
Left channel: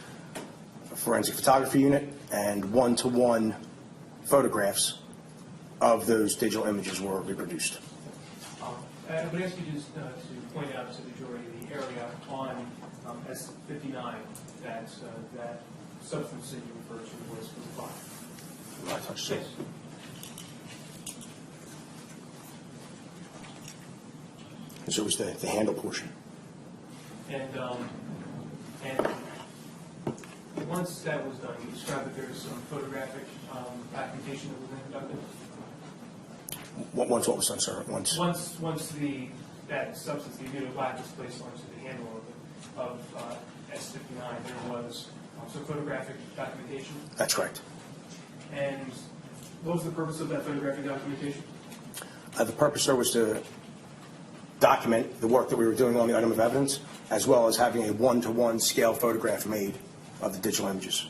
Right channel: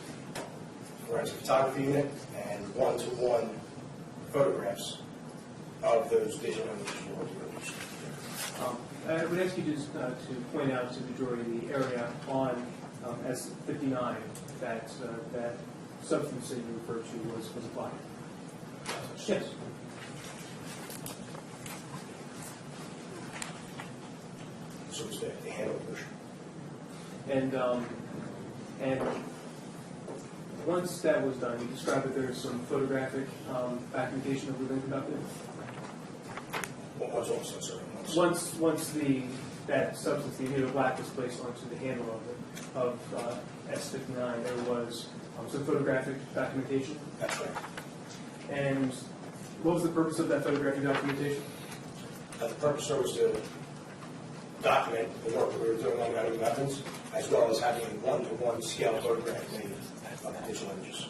Forensic Photography Unit, and one-to-one photographs of those digital images were reproduced. I would ask you just to point out to the jury the area on S59 that that substance that you referred to was applied. Yes. So it was the handle portion. And once that was done, you described that there was some photographic documentation that was then conducted. Once what was done, sir? Once That substance, the amido black, was placed onto the handle of S59, there was some photographic documentation. That's right. And what was the purpose of that photographic documentation? The purpose, sir, was to document the work that we were doing on the item of evidence, as well as having a one-to-one scale photograph made of the digital images.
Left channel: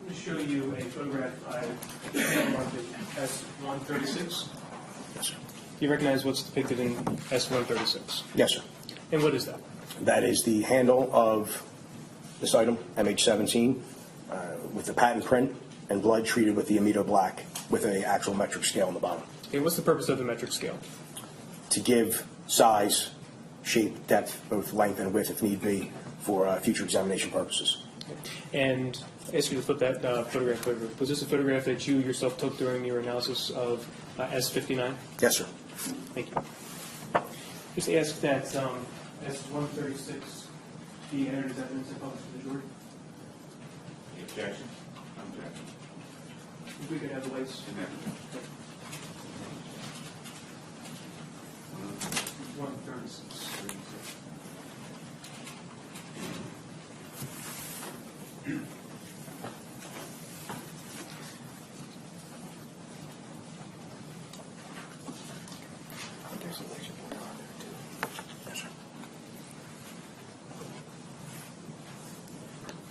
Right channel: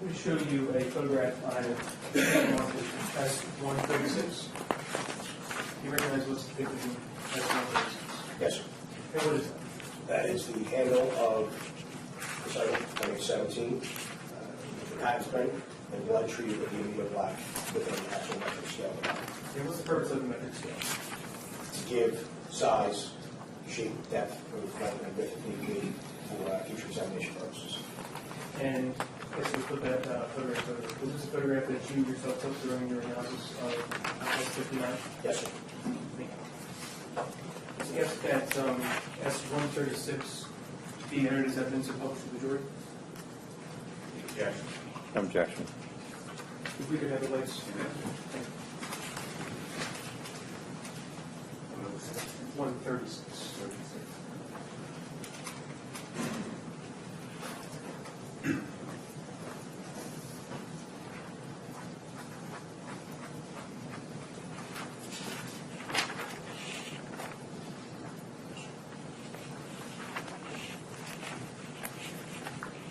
Let me show you a photograph I marked as S136. Do you recognize what's depicted in S136? Yes, sir. And what is that? That is the handle of this item, MH17, with the patent print and blood treated with the amido black with an actual metric scale on the bottom. And what's the purpose of the metric scale? To give size, shape, depth, both length and width if need be, for future examination purposes. And I ask you to put that photograph over. Was this a photograph that you yourself took during your analysis of S59? Yes, sir. Thank you. Just ask that S136 be entered as evidence opposed to the jury. Objection. Objection. If we could have the lights. 136.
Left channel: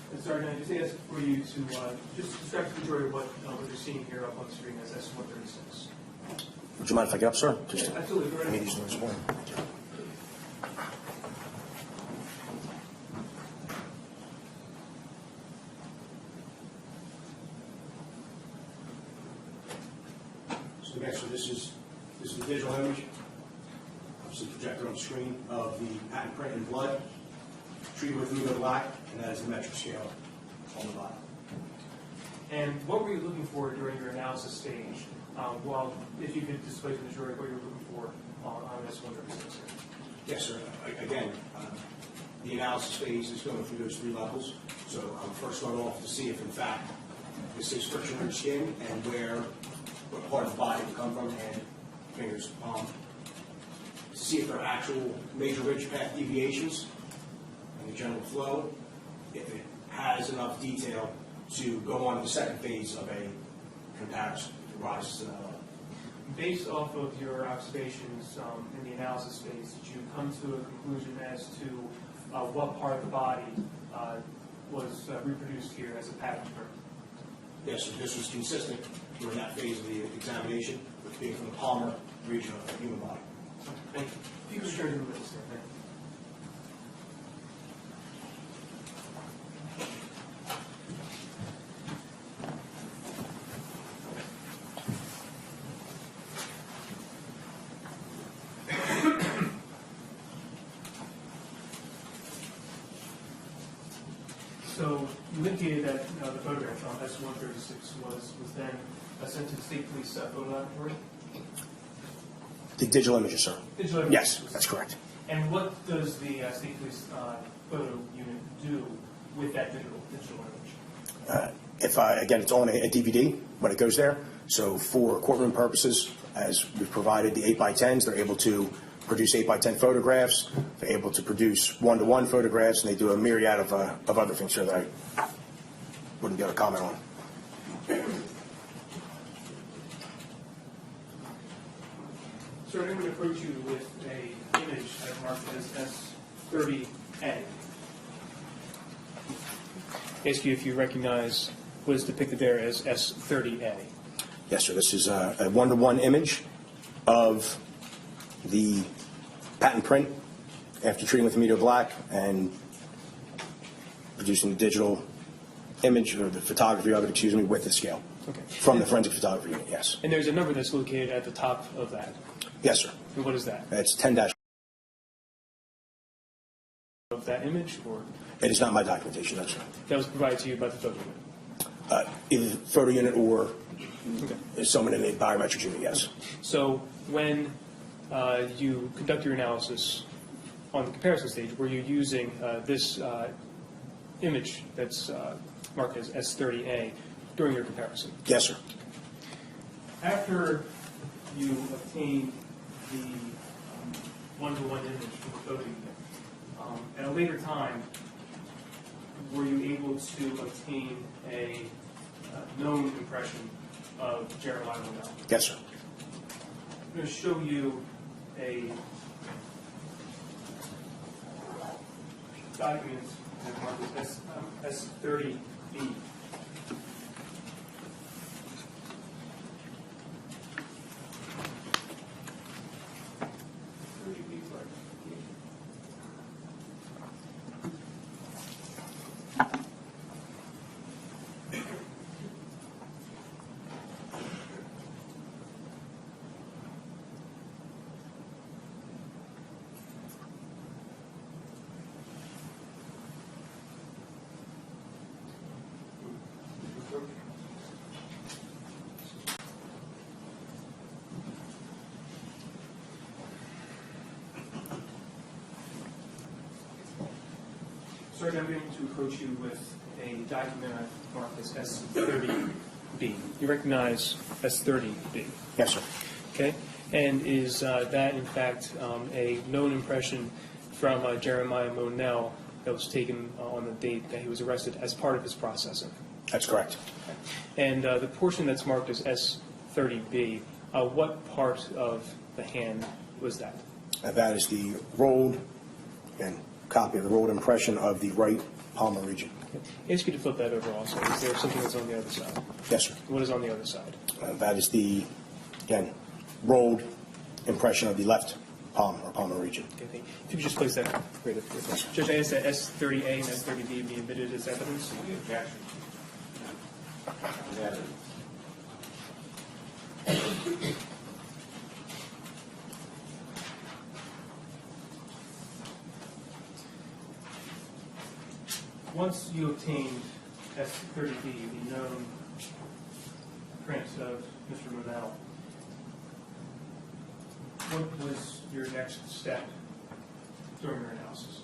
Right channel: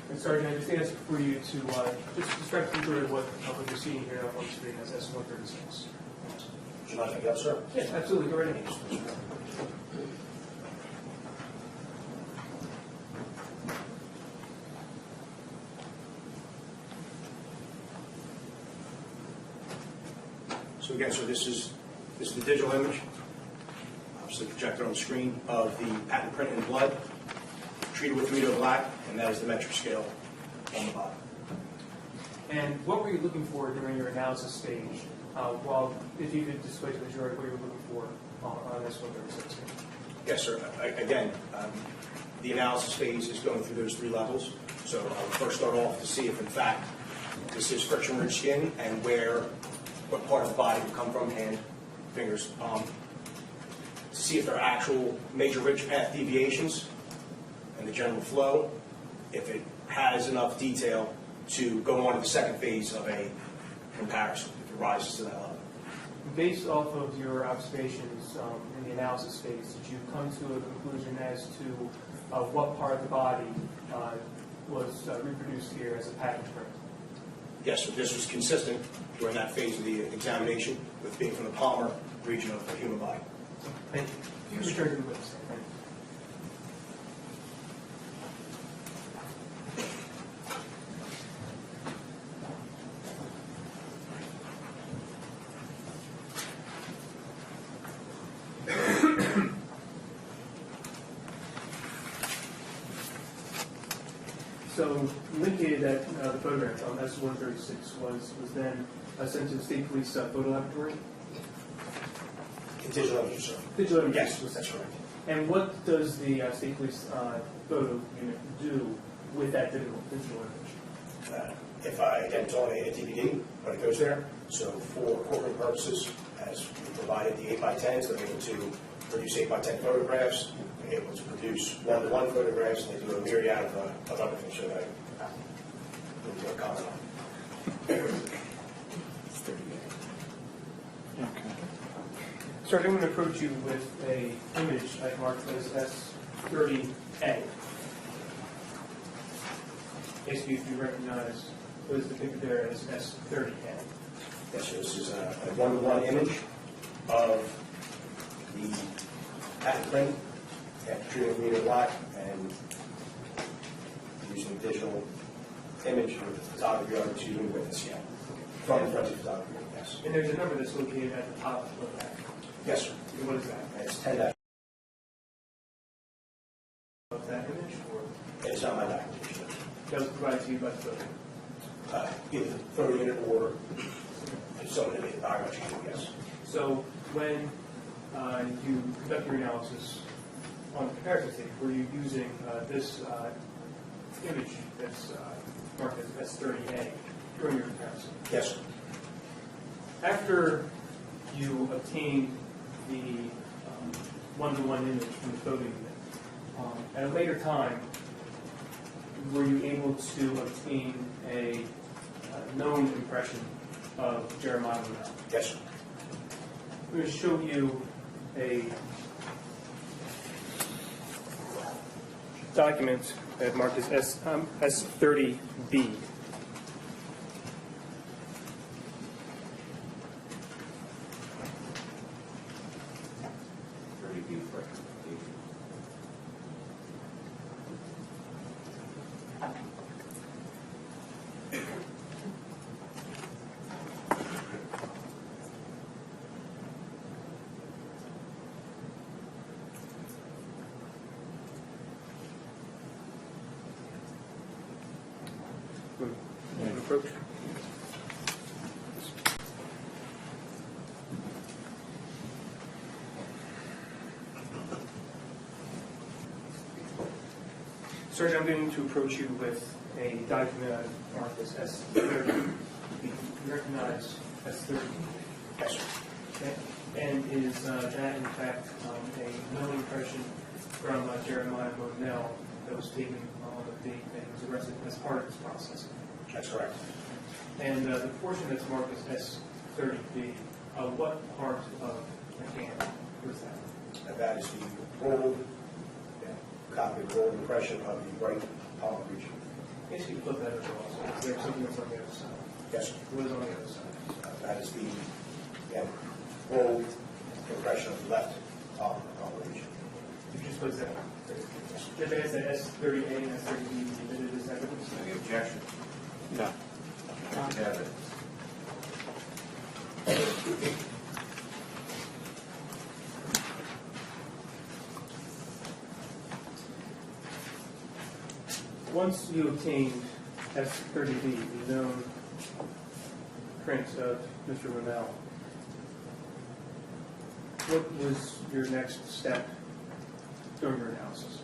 And Sergeant, I just ask for you to just describe to the jury what you're seeing here up on the screen as S136. Would you mind if I get up, sir? Yes, absolutely. Go right I need ahead. these ones. So again, so this is the digital image, obviously projected on the screen, of the patent print in blood, treated with amido black, and that is the metric scale on the bottom. And what were you looking for during your analysis stage? Well, if you could display to the jury what you were looking for on S136. Yes, sir. Again, the analysis phase is going through those three levels. So I would first start off to see if, in fact, this is friction-rich skin and what part of the body would come from, hand, fingers, palm, to see if there are actual major ridge path deviations and the general flow, if it has enough detail to go on to the second phase of a comparison, if it rises to that level. Based off of your observations in the analysis phase, did you come to a conclusion as to what part of the body was reproduced here as a pattern print? Yes, so this was consistent during that phase of the examination with being from the Palmer region of the human body. Thank you. If you could return to the witness, thank you. So you indicated that the photograph on S-136 was then sent to the state police photo laboratory? The digital images, sir. Digital images? Yes, that's correct. And what does the state police photo unit do with that digital image? Again, it's on a DVD when it goes there. So for courtroom purposes, as we've provided the 8x10s, they're able to produce 8x10 photographs. They're able to produce 1-to-1 photographs, and they do a myriad of other things that I wouldn't be able to comment on. Sir, I'm going to approach you with an image that marked as S30A. Ask you if you recognize what is depicted there as S30A. Yes, sir. This is a 1-to-1 image of the patent print after treating with media black and producing the digital image, or the photography of it, excuse me, with the scale. Okay. From the forensic photography unit, yes. And there's a number that's located at the top of that. Yes, sir. And what is that? It's 10- Of that image, or It is not my documentation, that's that was provided to you by the photo? either the photo unit or someone in the biometrics unit, yes. So when you conduct your analysis on the comparison stage, were you using this image that's marked as S30A during your comparison? Yes, sir. After you obtained the one-to-one image from the photo unit, at a later time, were you able to obtain a known impression of Jeremiah Monell? Yes, sir. I'm going to show you a document that marked as S30B. Approach. Sir, I'm going to approach you with a document marked as S30B. You recognize S30B? Yes, sir. Okay. And is that, in fact, a known impression from Jeremiah Monell that was taken on the date that he was arrested as part of his processing? That's correct. And the portion that's marked as S30B, what part of the hand was that? That is the rolled, again, copy of the rolled impression of the right palmar region. I ask you to flip that over also. Is there something that's on the other side? Yes, sir. What is on the other side? That is the, again, rolled impression of the left palm or palmar region. Okay, thank you. If you could just place that up. Great. Judge, I ask that S30A and S30B be admitted as evidence. Any objection? No. Evidence. Once you obtained S30B, the known print of Mr. Monell, what was your next step during your analysis?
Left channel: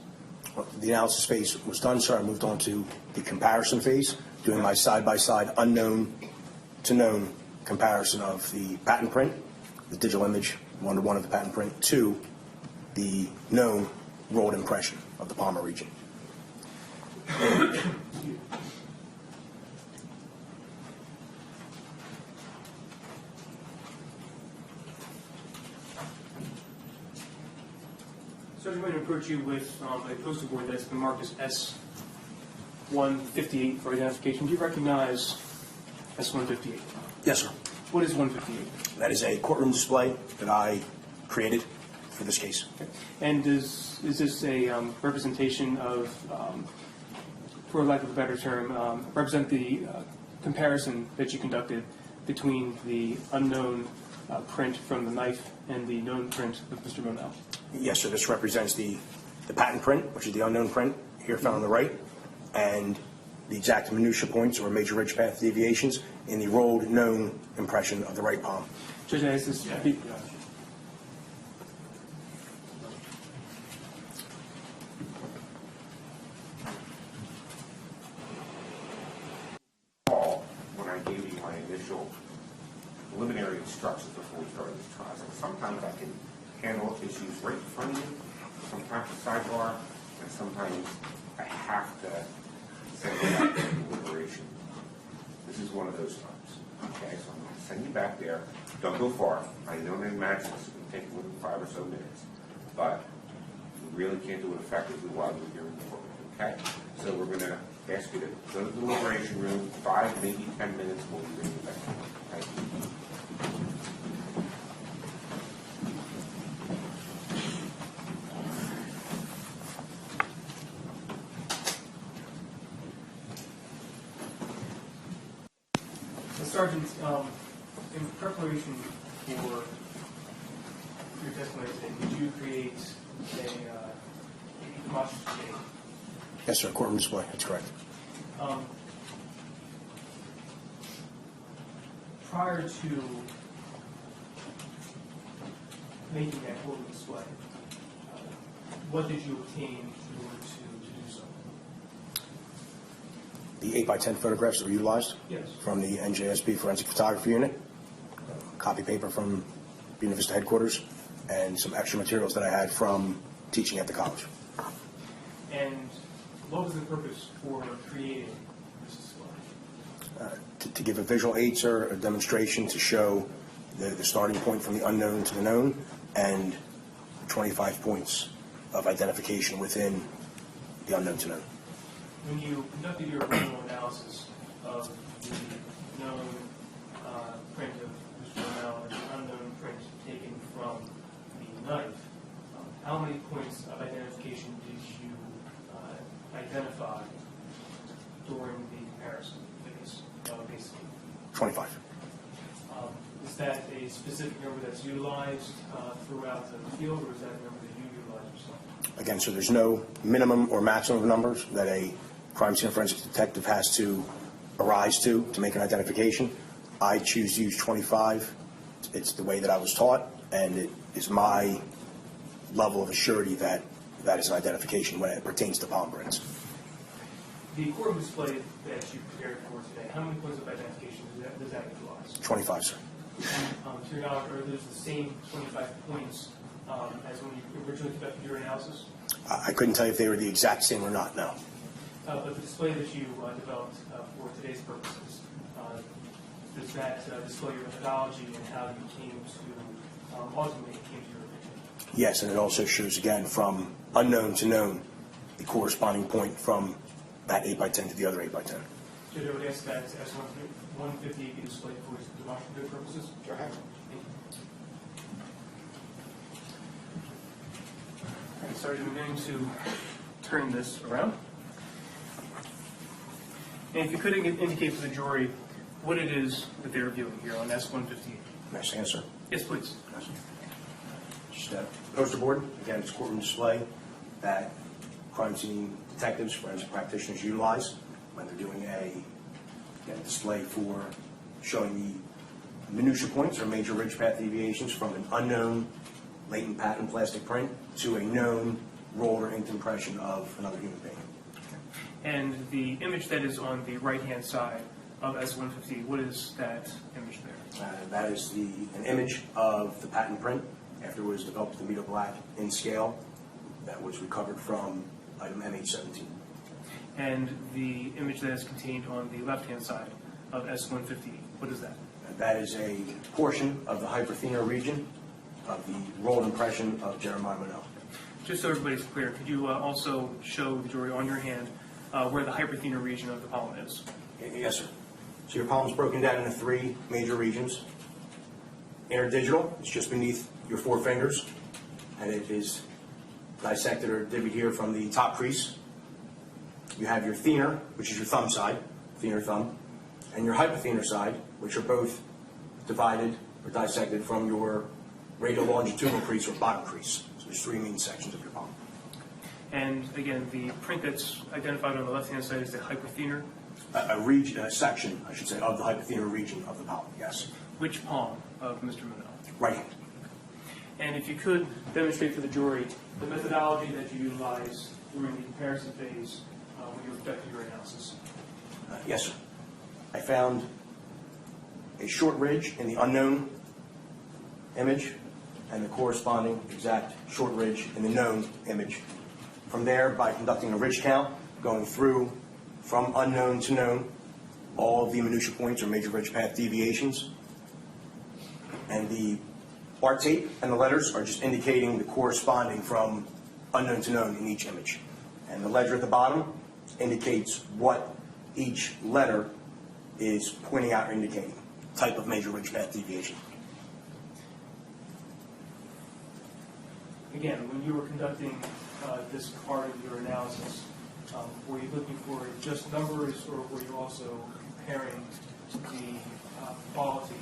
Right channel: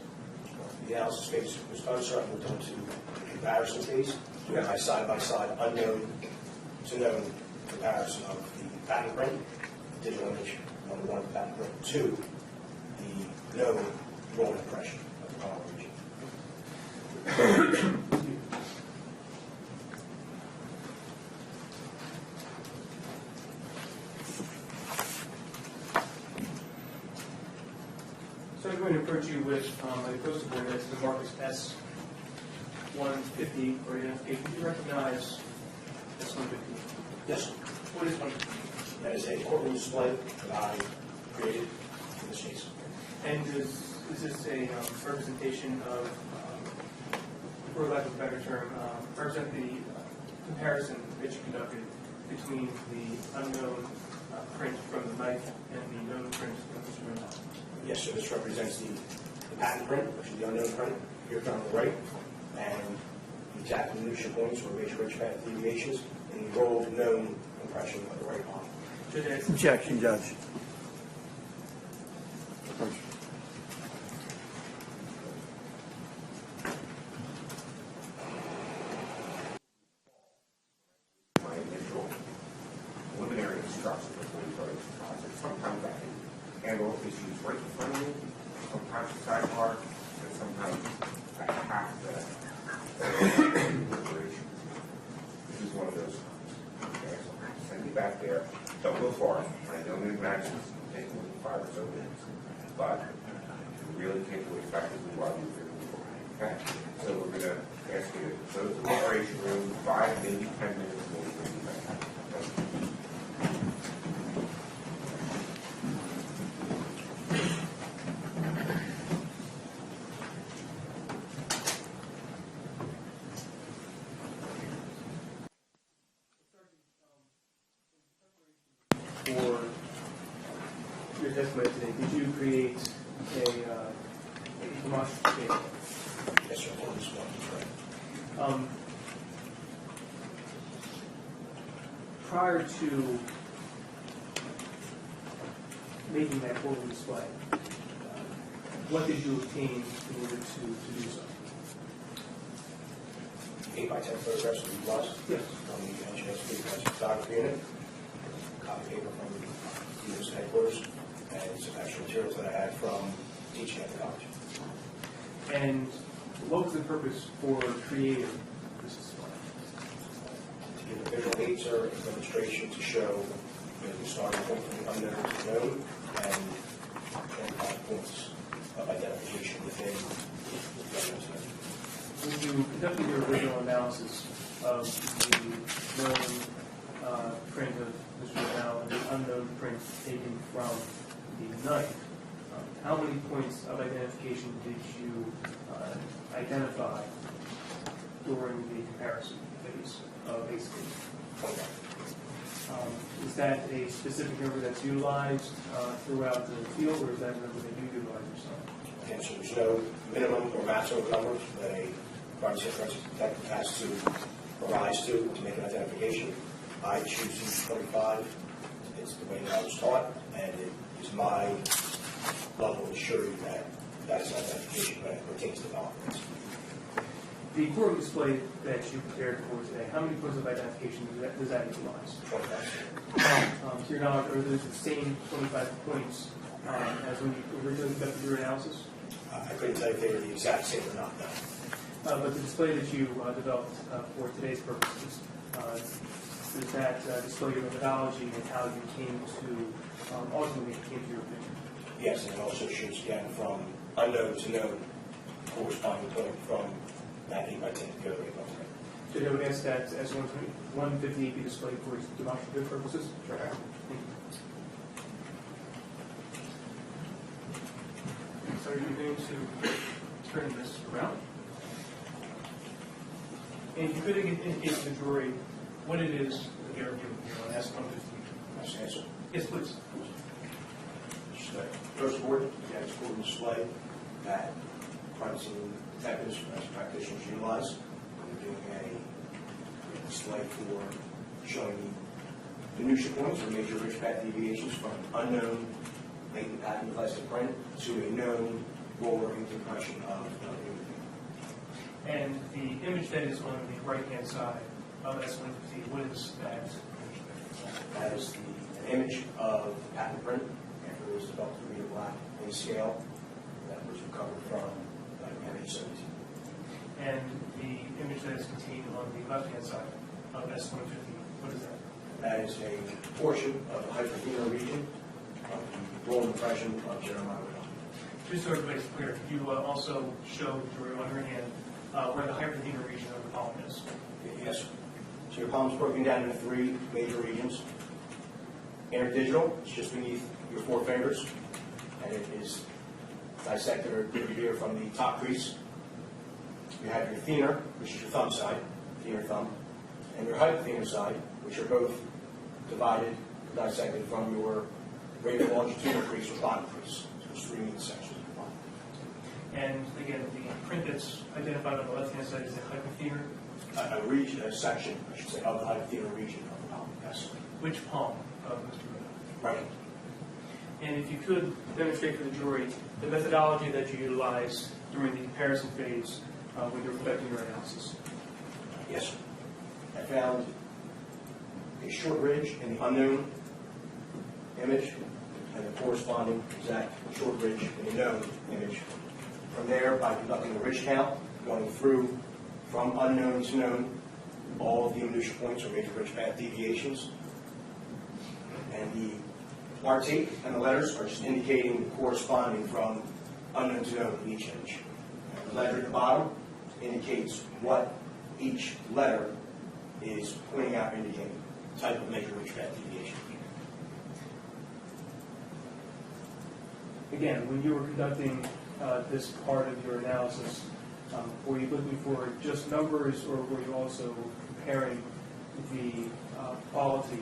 The analysis phase was done, sir. I moved on to the comparison phase, doing my side-by-side unknown to known comparison of the patent print, the digital image, 1-to-1 of the patent print, to the known rolled impression of the palmar region. So I'm going to approach you with a poster board that's been marked as S158 for identification. Do you recognize S-158. Yes, sir. What is 158? That is a courtroom display that I created for this case. And is this a representation of, for lack of a better term, represent the comparison that you conducted between the unknown print from the knife and the known print of Mr. Monell? Yes, sir. This represents the patent print, which is the unknown print, here found on the right, and the exact minutia points or major ridge path deviations in the rolled known impression of the right palm. Judge, as this Check, Judge. When I gave you my initial preliminary instructions before we started this process, sometimes I can handle issues right in front of you, sometimes a sidebar, and sometimes I have to set up deliberation. This is one of those times. Okay, so I'm going to send you back there. Don't go far. I know that matches can take only 5 or so minutes, but you really can't do it effectively while you're here. Okay, so we're going to ask you to go to the deliberation room, 5, maybe 10 minutes before we take it back. Okay? Sergeant, in preparation for your testimony today, did you create a demonstrative tape? Yes, sir. Courtroom display. That's correct. Prior to making that courtroom display, what did you obtain in order to do so? The 8x10 photographs that were utilized Yes. from the NJSB Forensic Photography Unit, copy paper from University headquarters, and some extra materials that I had from teaching at the college. And what was the purpose for creating this display? To give a visual aid, sir, a demonstration to show the starting point from the unknown to the known, and 25 points of identification within the unknown to known. When you conducted your original analysis of the known print of Mr. Monell and the unknown print taken from the knife, how many points of identification did you identify during the comparison phase of ACE? 25. Is that a specific number that's utilized throughout the field, or is that a number that you utilize yourself? Again, so there's no minimum or maximum numbers that a crime scene forensics detective has to arise to make an identification. I choose to use 25. It's the way that I was taught, and it is my level of assurity that that is an identification when it pertains to palm prints. The courtroom display that you prepared for today, how many points of identification does that utilize? 25, sir. To your knowledge, are those the same 25 points as when you originally conducted your analysis? I couldn't tell you if they were the exact same or not, no. But the display that you developed for today's purposes, does that display your methodology and how you came to, ultimately came to your opinion? Yes, and it also shows, again, from unknown to known, the corresponding point from that 8x10 to the other 8x10. Judge, I would ask that S-158 be displayed for demonstrative purposes. Sure. Thank you. And so I'm going to turn this around. And if you could indicate to the jury what it is that they're viewing here on S-158. Next answer. Yes, please. Just a poster board, again, it's a courtroom display that crime scene detectives, forensic practitioners utilize when they're doing a display for showing the minutia points or major ridge path deviations from an unknown latent patent plastic print to a known roll or inked impression of another human being. And the image that is on the right-hand side of S-158, what is that image there? That is an image of the patent print after it was developed to Vito Black in scale that was recovered from item MH17. And the image that is contained on the left-hand side of S-158, what is that? That is a portion of the hyperthenar region of the rolled impression of Jeremiah Monell. Just so everybody's clear, could you also show the jury on your hand where the hyperthenar region of the pollen is? Yes, sir. So your palm's broken down into 3 major regions. Interdigital is just beneath your 4 fingers, and it is dissected or divvied here from the top crease. You have your thenar, which is your thumb side, thenar thumb, and your hypothenar side, which are both divided or dissected from your radial longitudinal crease or bottom crease. So there's 3 main sections of your palm. And again, the print that's identified on the left-hand side is the hypothenar. A section, I should say, of the hypothenar region of the palm, yes. Which palm of Mr. Monell? Right hand. And if you could demonstrate for the jury the methodology that you utilize during the comparison phase when you're conducting your analysis. Yes, sir. I found a short ridge in the unknown image and the corresponding exact short ridge in the known image. From there, by conducting a ridge count, going through from unknown to known, all of the minutia points or major ridge path deviations. And the art tape and the letters are just indicating the corresponding from unknown to known in each image. And the ledger at the bottom indicates what each letter is pointing out or indicating, type of major ridge path deviation. Again, when you were conducting this part of your analysis, were you looking for just numbers, or were you also comparing to the quality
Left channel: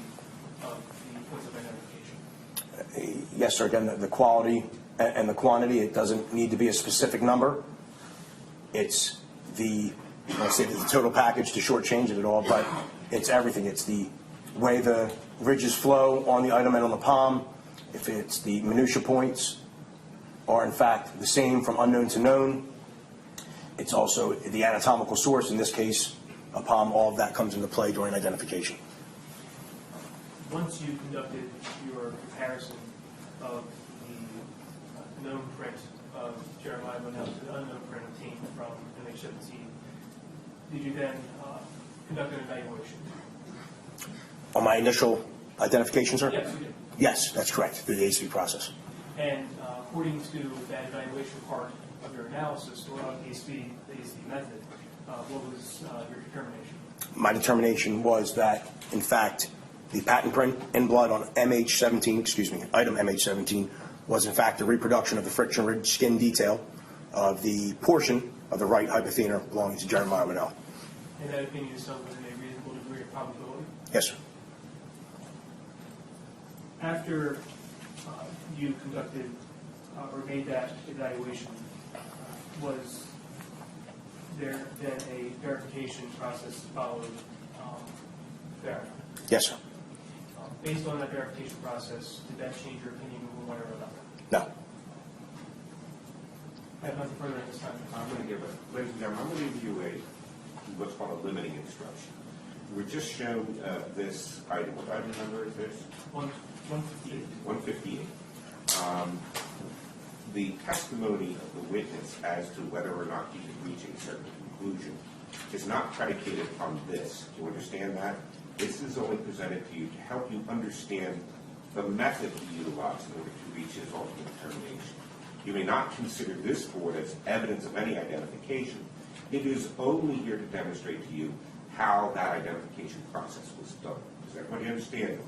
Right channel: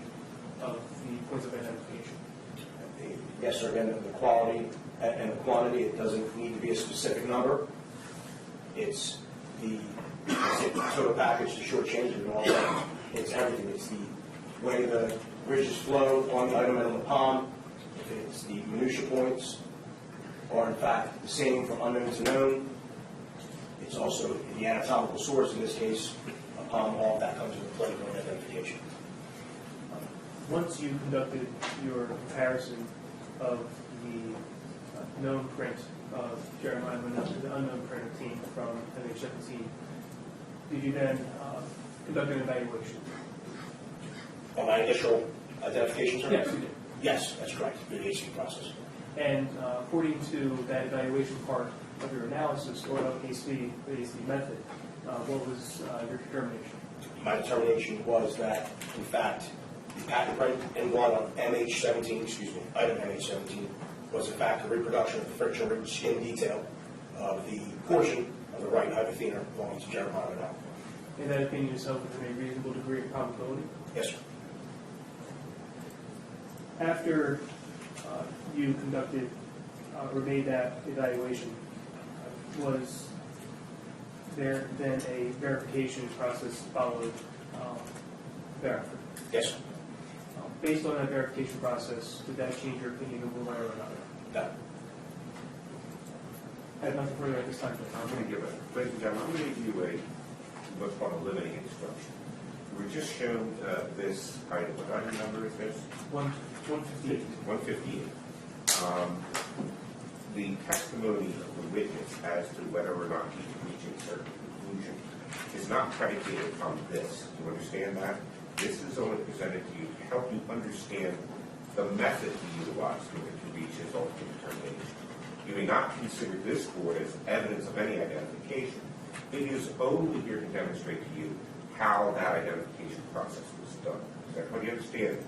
of the points of identification? Yes, sir. Again, the quality and the quantity, it doesn't need to be a specific number. It's the, I say the total package to shortchange of it all, but it's everything. It's the way the ridges flow on the item and on the palm. If it's the minutia points are in fact the same from unknown to known. It's also the anatomical source, in this case, a palm. All of that comes into play during identification. Once you conducted your comparison of the known print of Jeremiah Monell to the unknown print of team from MH17, did you then conduct an evaluation? On my initial identification, sir? Yes, you did. Yes, that's correct, through the AC process. And according to that evaluation part of your analysis, or on case B, the AC method, what was your determination? My determination was that, in fact, the patent print in blood on MH17, item MH17, was in fact a reproduction of the friction-ridged skin detail of the portion of the right hypothenar belonging to Jeremiah Monell. And that opinion is held within a reasonable degree of probability? Yes, sir. After you conducted or made that evaluation, was there then a verification process followed thereafter? Yes, sir. Based on that verification process, did that change your opinion of one way or another? No. I have nothing further at this time. I'm going to give ladies and gentlemen, I'm going to give you what's called a limiting instruction. We're just shown this item. What item number is this? 158. 158. The testimony of the witness as to whether or not he's reaching a certain conclusion is not predicated on this. Do you understand that? This is only presented to you to help you understand the method he utilized in order to reach his ultimate determination. You may not consider this board as evidence of any identification. It is only here to demonstrate to you how that identification process was done. Does everybody understand it?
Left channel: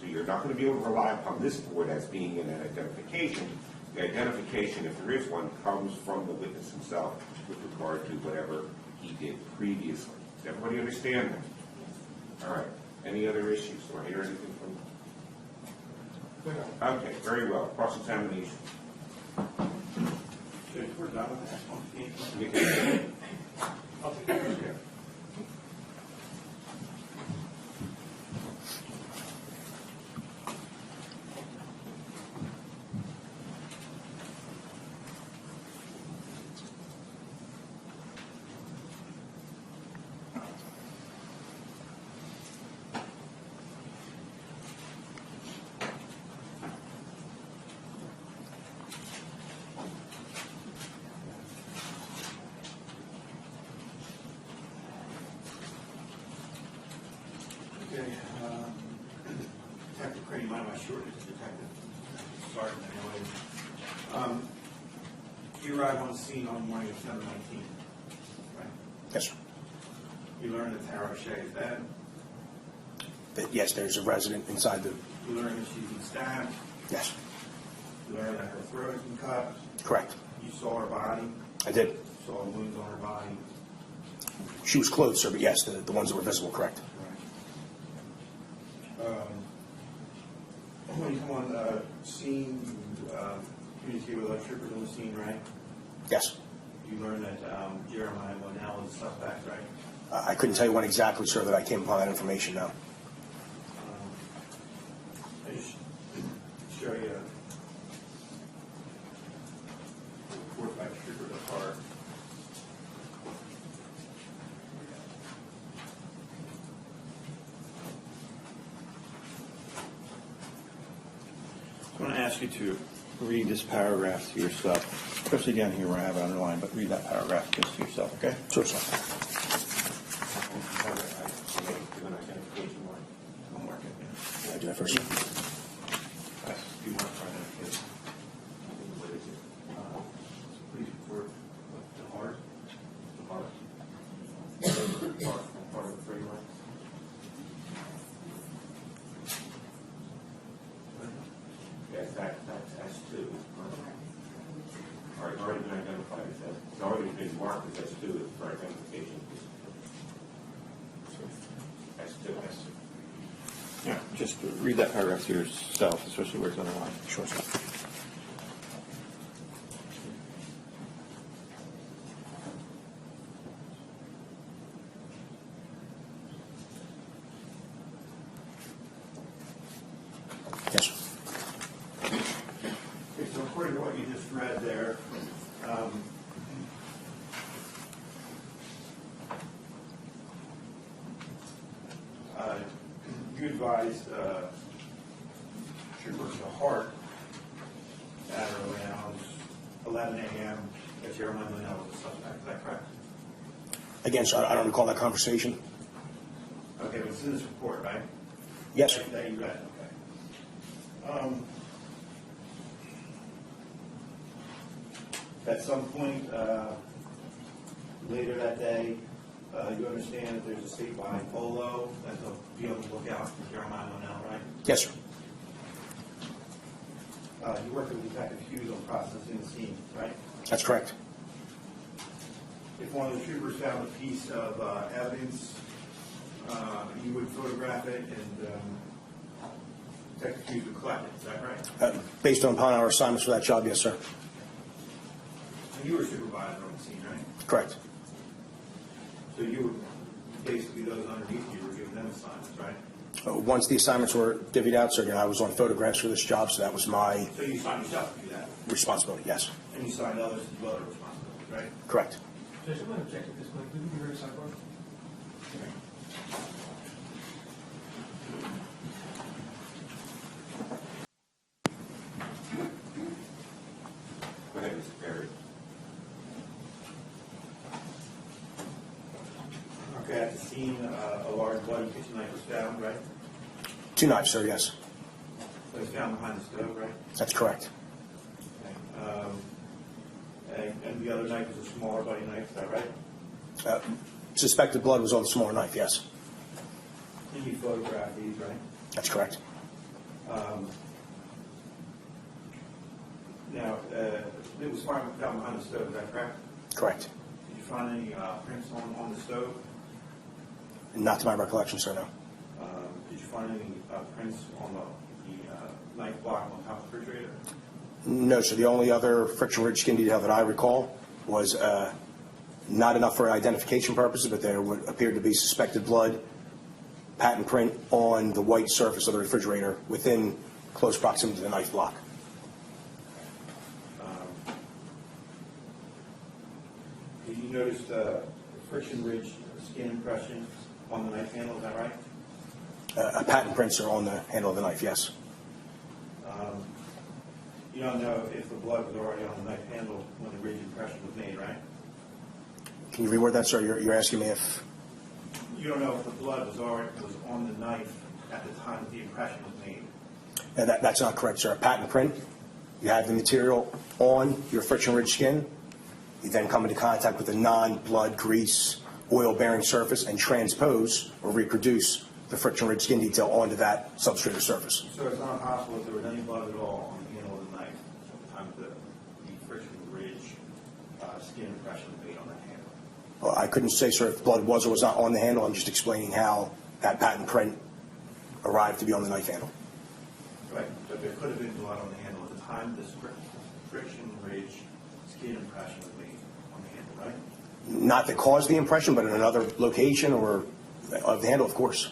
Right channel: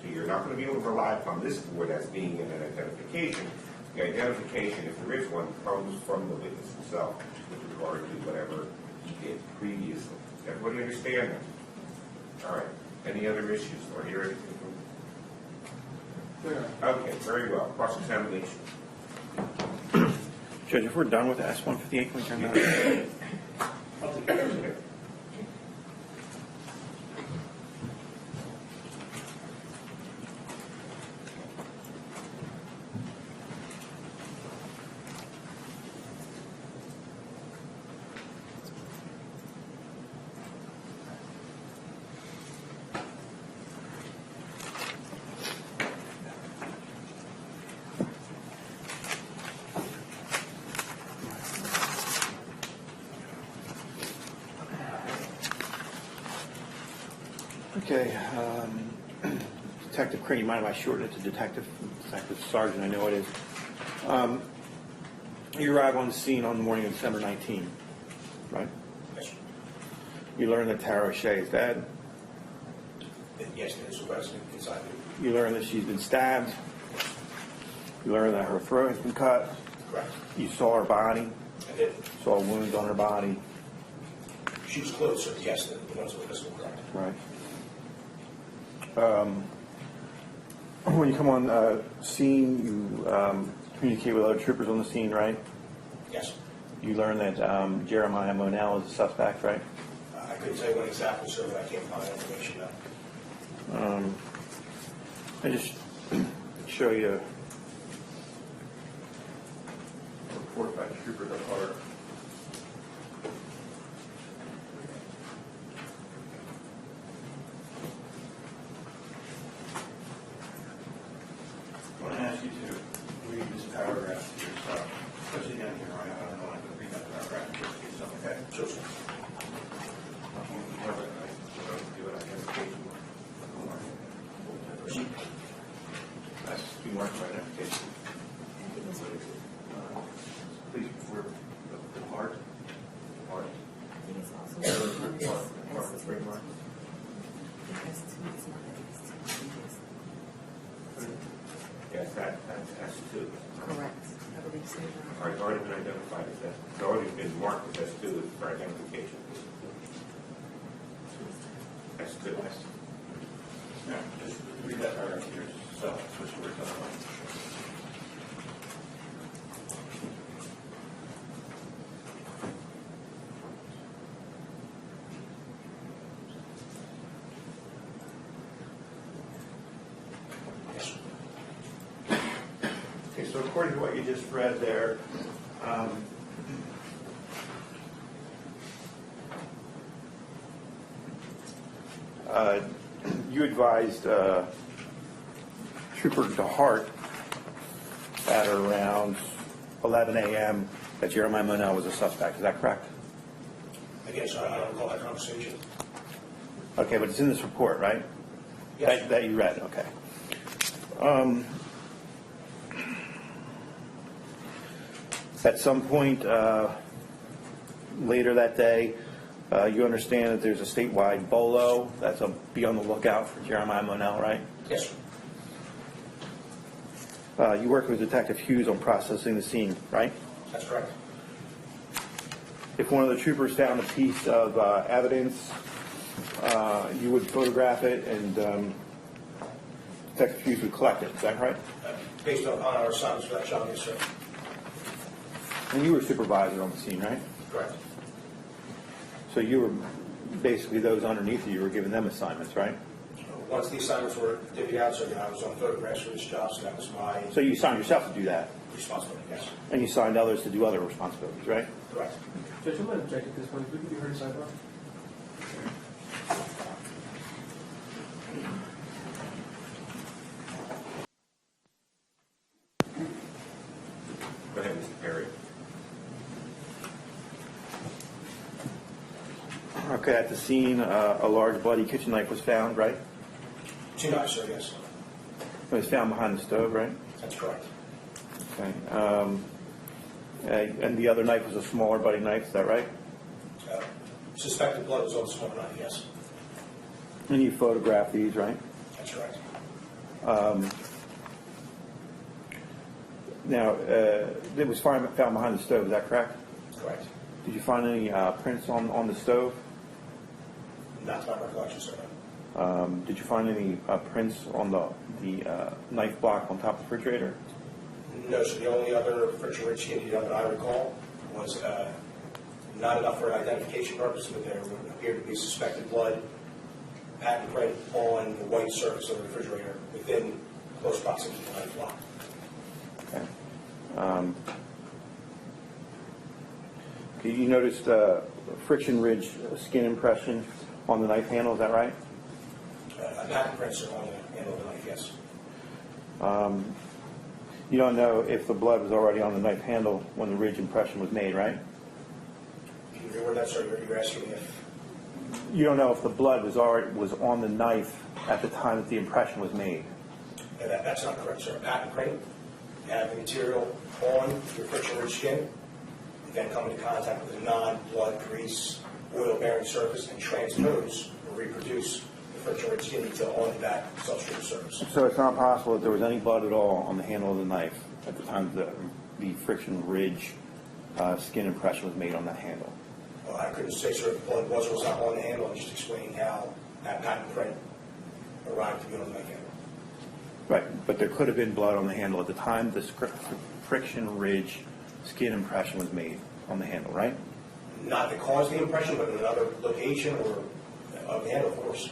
So you're not going to be able to rely upon this board as being an identification. The identification, if there is one, comes from the witness himself with regard to whatever he did previously. Does everybody understand that? All right. Any other issues? Do I hear anything from you? Okay, very well. Cross-examination. Judge, if we're done with S-158, we turn that. I'll take it. Okay. Okay. Detective Crain, mind if I shorten it to Detective Sergeant? I know it is. You arrive on the scene on the morning of December 19, right? Yes, sir. You learn that Tara Shea is dead. that, yes, there's a resident inside the, You learn that she's been stabbed. yes, You learn that her throat has been cut. correct. You saw her body. I did. Saw wounds on her body. She was clothed, sir, but yes, the ones that were visible, correct. Right. When you come on scene, you communicate with other troopers on the scene, right? Yes. You learn that Jeremiah Monell is a suspect, right? I couldn't tell you when exactly, sir, that I came upon that information now. I just show you a report by Trooper DeHart. I'm going to ask you to read this paragraph to yourself, especially down here where I have it underlined, but read that paragraph just to yourself, okay? Sure, sir. I do that first. You mark right identification. Please report the heart. Yes, that's S2. Correct. I believe so. All right, already been identified as that. It's already been marked as S2 for identification. S2. Yeah, just read that paragraph to yourself, especially where it's underlined. Sure, sir. Yes, sir. Okay, so according to what you just read there, you advised Trooper DeHart at around 11 a.m. that Jeremiah Monell was a suspect. Is that correct? Again, sir, I don't recall that conversation. Okay, but it's in this report, right? Yes. That you read, okay. At some point later that day, you understand that there's a statewide BOLO. That's a be on the lookout for Jeremiah Monell, right? Yes, sir. You worked with Detective Hughes on processing the scene, right? That's correct. If one of the troopers found a piece of evidence, you would photograph it and Detective Hughes would collect it. Is that right? Based upon our assignments for that job, yes, sir. And you were supervisor on the scene, right? Correct. So you were basically those underneath you were giving them assignments, right? Once the assignments were divvied out, sir, I was on photographs for this job, so that was my So you assigned yourself to do that, responsibility, yes. and you assigned others to do other responsibilities, right? Correct. Judge, I'm going to object at this point. Would you be heard sidebar? Go ahead, Mr. Perry. Okay, at the scene, a large bloody kitchen knife was found, right? 2 knives, sir, yes. It was found behind the stove, right? That's correct. Okay. And the other knife was a smaller bloody knife, is that right? Suspected blood was on the smaller knife, yes. And you photographed these, right? That's correct. Now, it was found behind the stove, is that correct? Correct. Did you find any prints on the stove? Not to my recollection, sir, no. Did you find any prints on the knife block on top of the refrigerator? No, sir. The only other friction ridge skin detail that I recall was not enough for identification purposes, but there would appear to be suspected blood, patent print on the white surface of the refrigerator within close proximity to the knife block. Okay. You noticed friction ridge skin impression on the knife handle, is that right? Patent prints are on the handle of the knife, yes. You don't know if the blood was already on the knife handle when the ridge impression was made, right? Can you reword that, sir? You're asking me if... You don't know if the blood was on the knife at the time that the impression was made. No, that's not correct, sir. A patent print, you have the material on your friction ridge skin. You then come into contact with a non-blood, grease, oil-bearing surface and transpose or reproduce the friction ridge skin detail onto that substrate or surface. So it's not possible that there was any blood at all on the handle of the knife at the time the friction ridge skin impression was made on that handle? Well, I couldn't say, sir, if blood was or was not on the handle. I'm just explaining how that patent print arrived to be on the knife handle. Right, but there could have been blood on the handle at the time the friction ridge skin impression was made on the handle, right? Not that caused the impression, but in another location or of the handle, of course.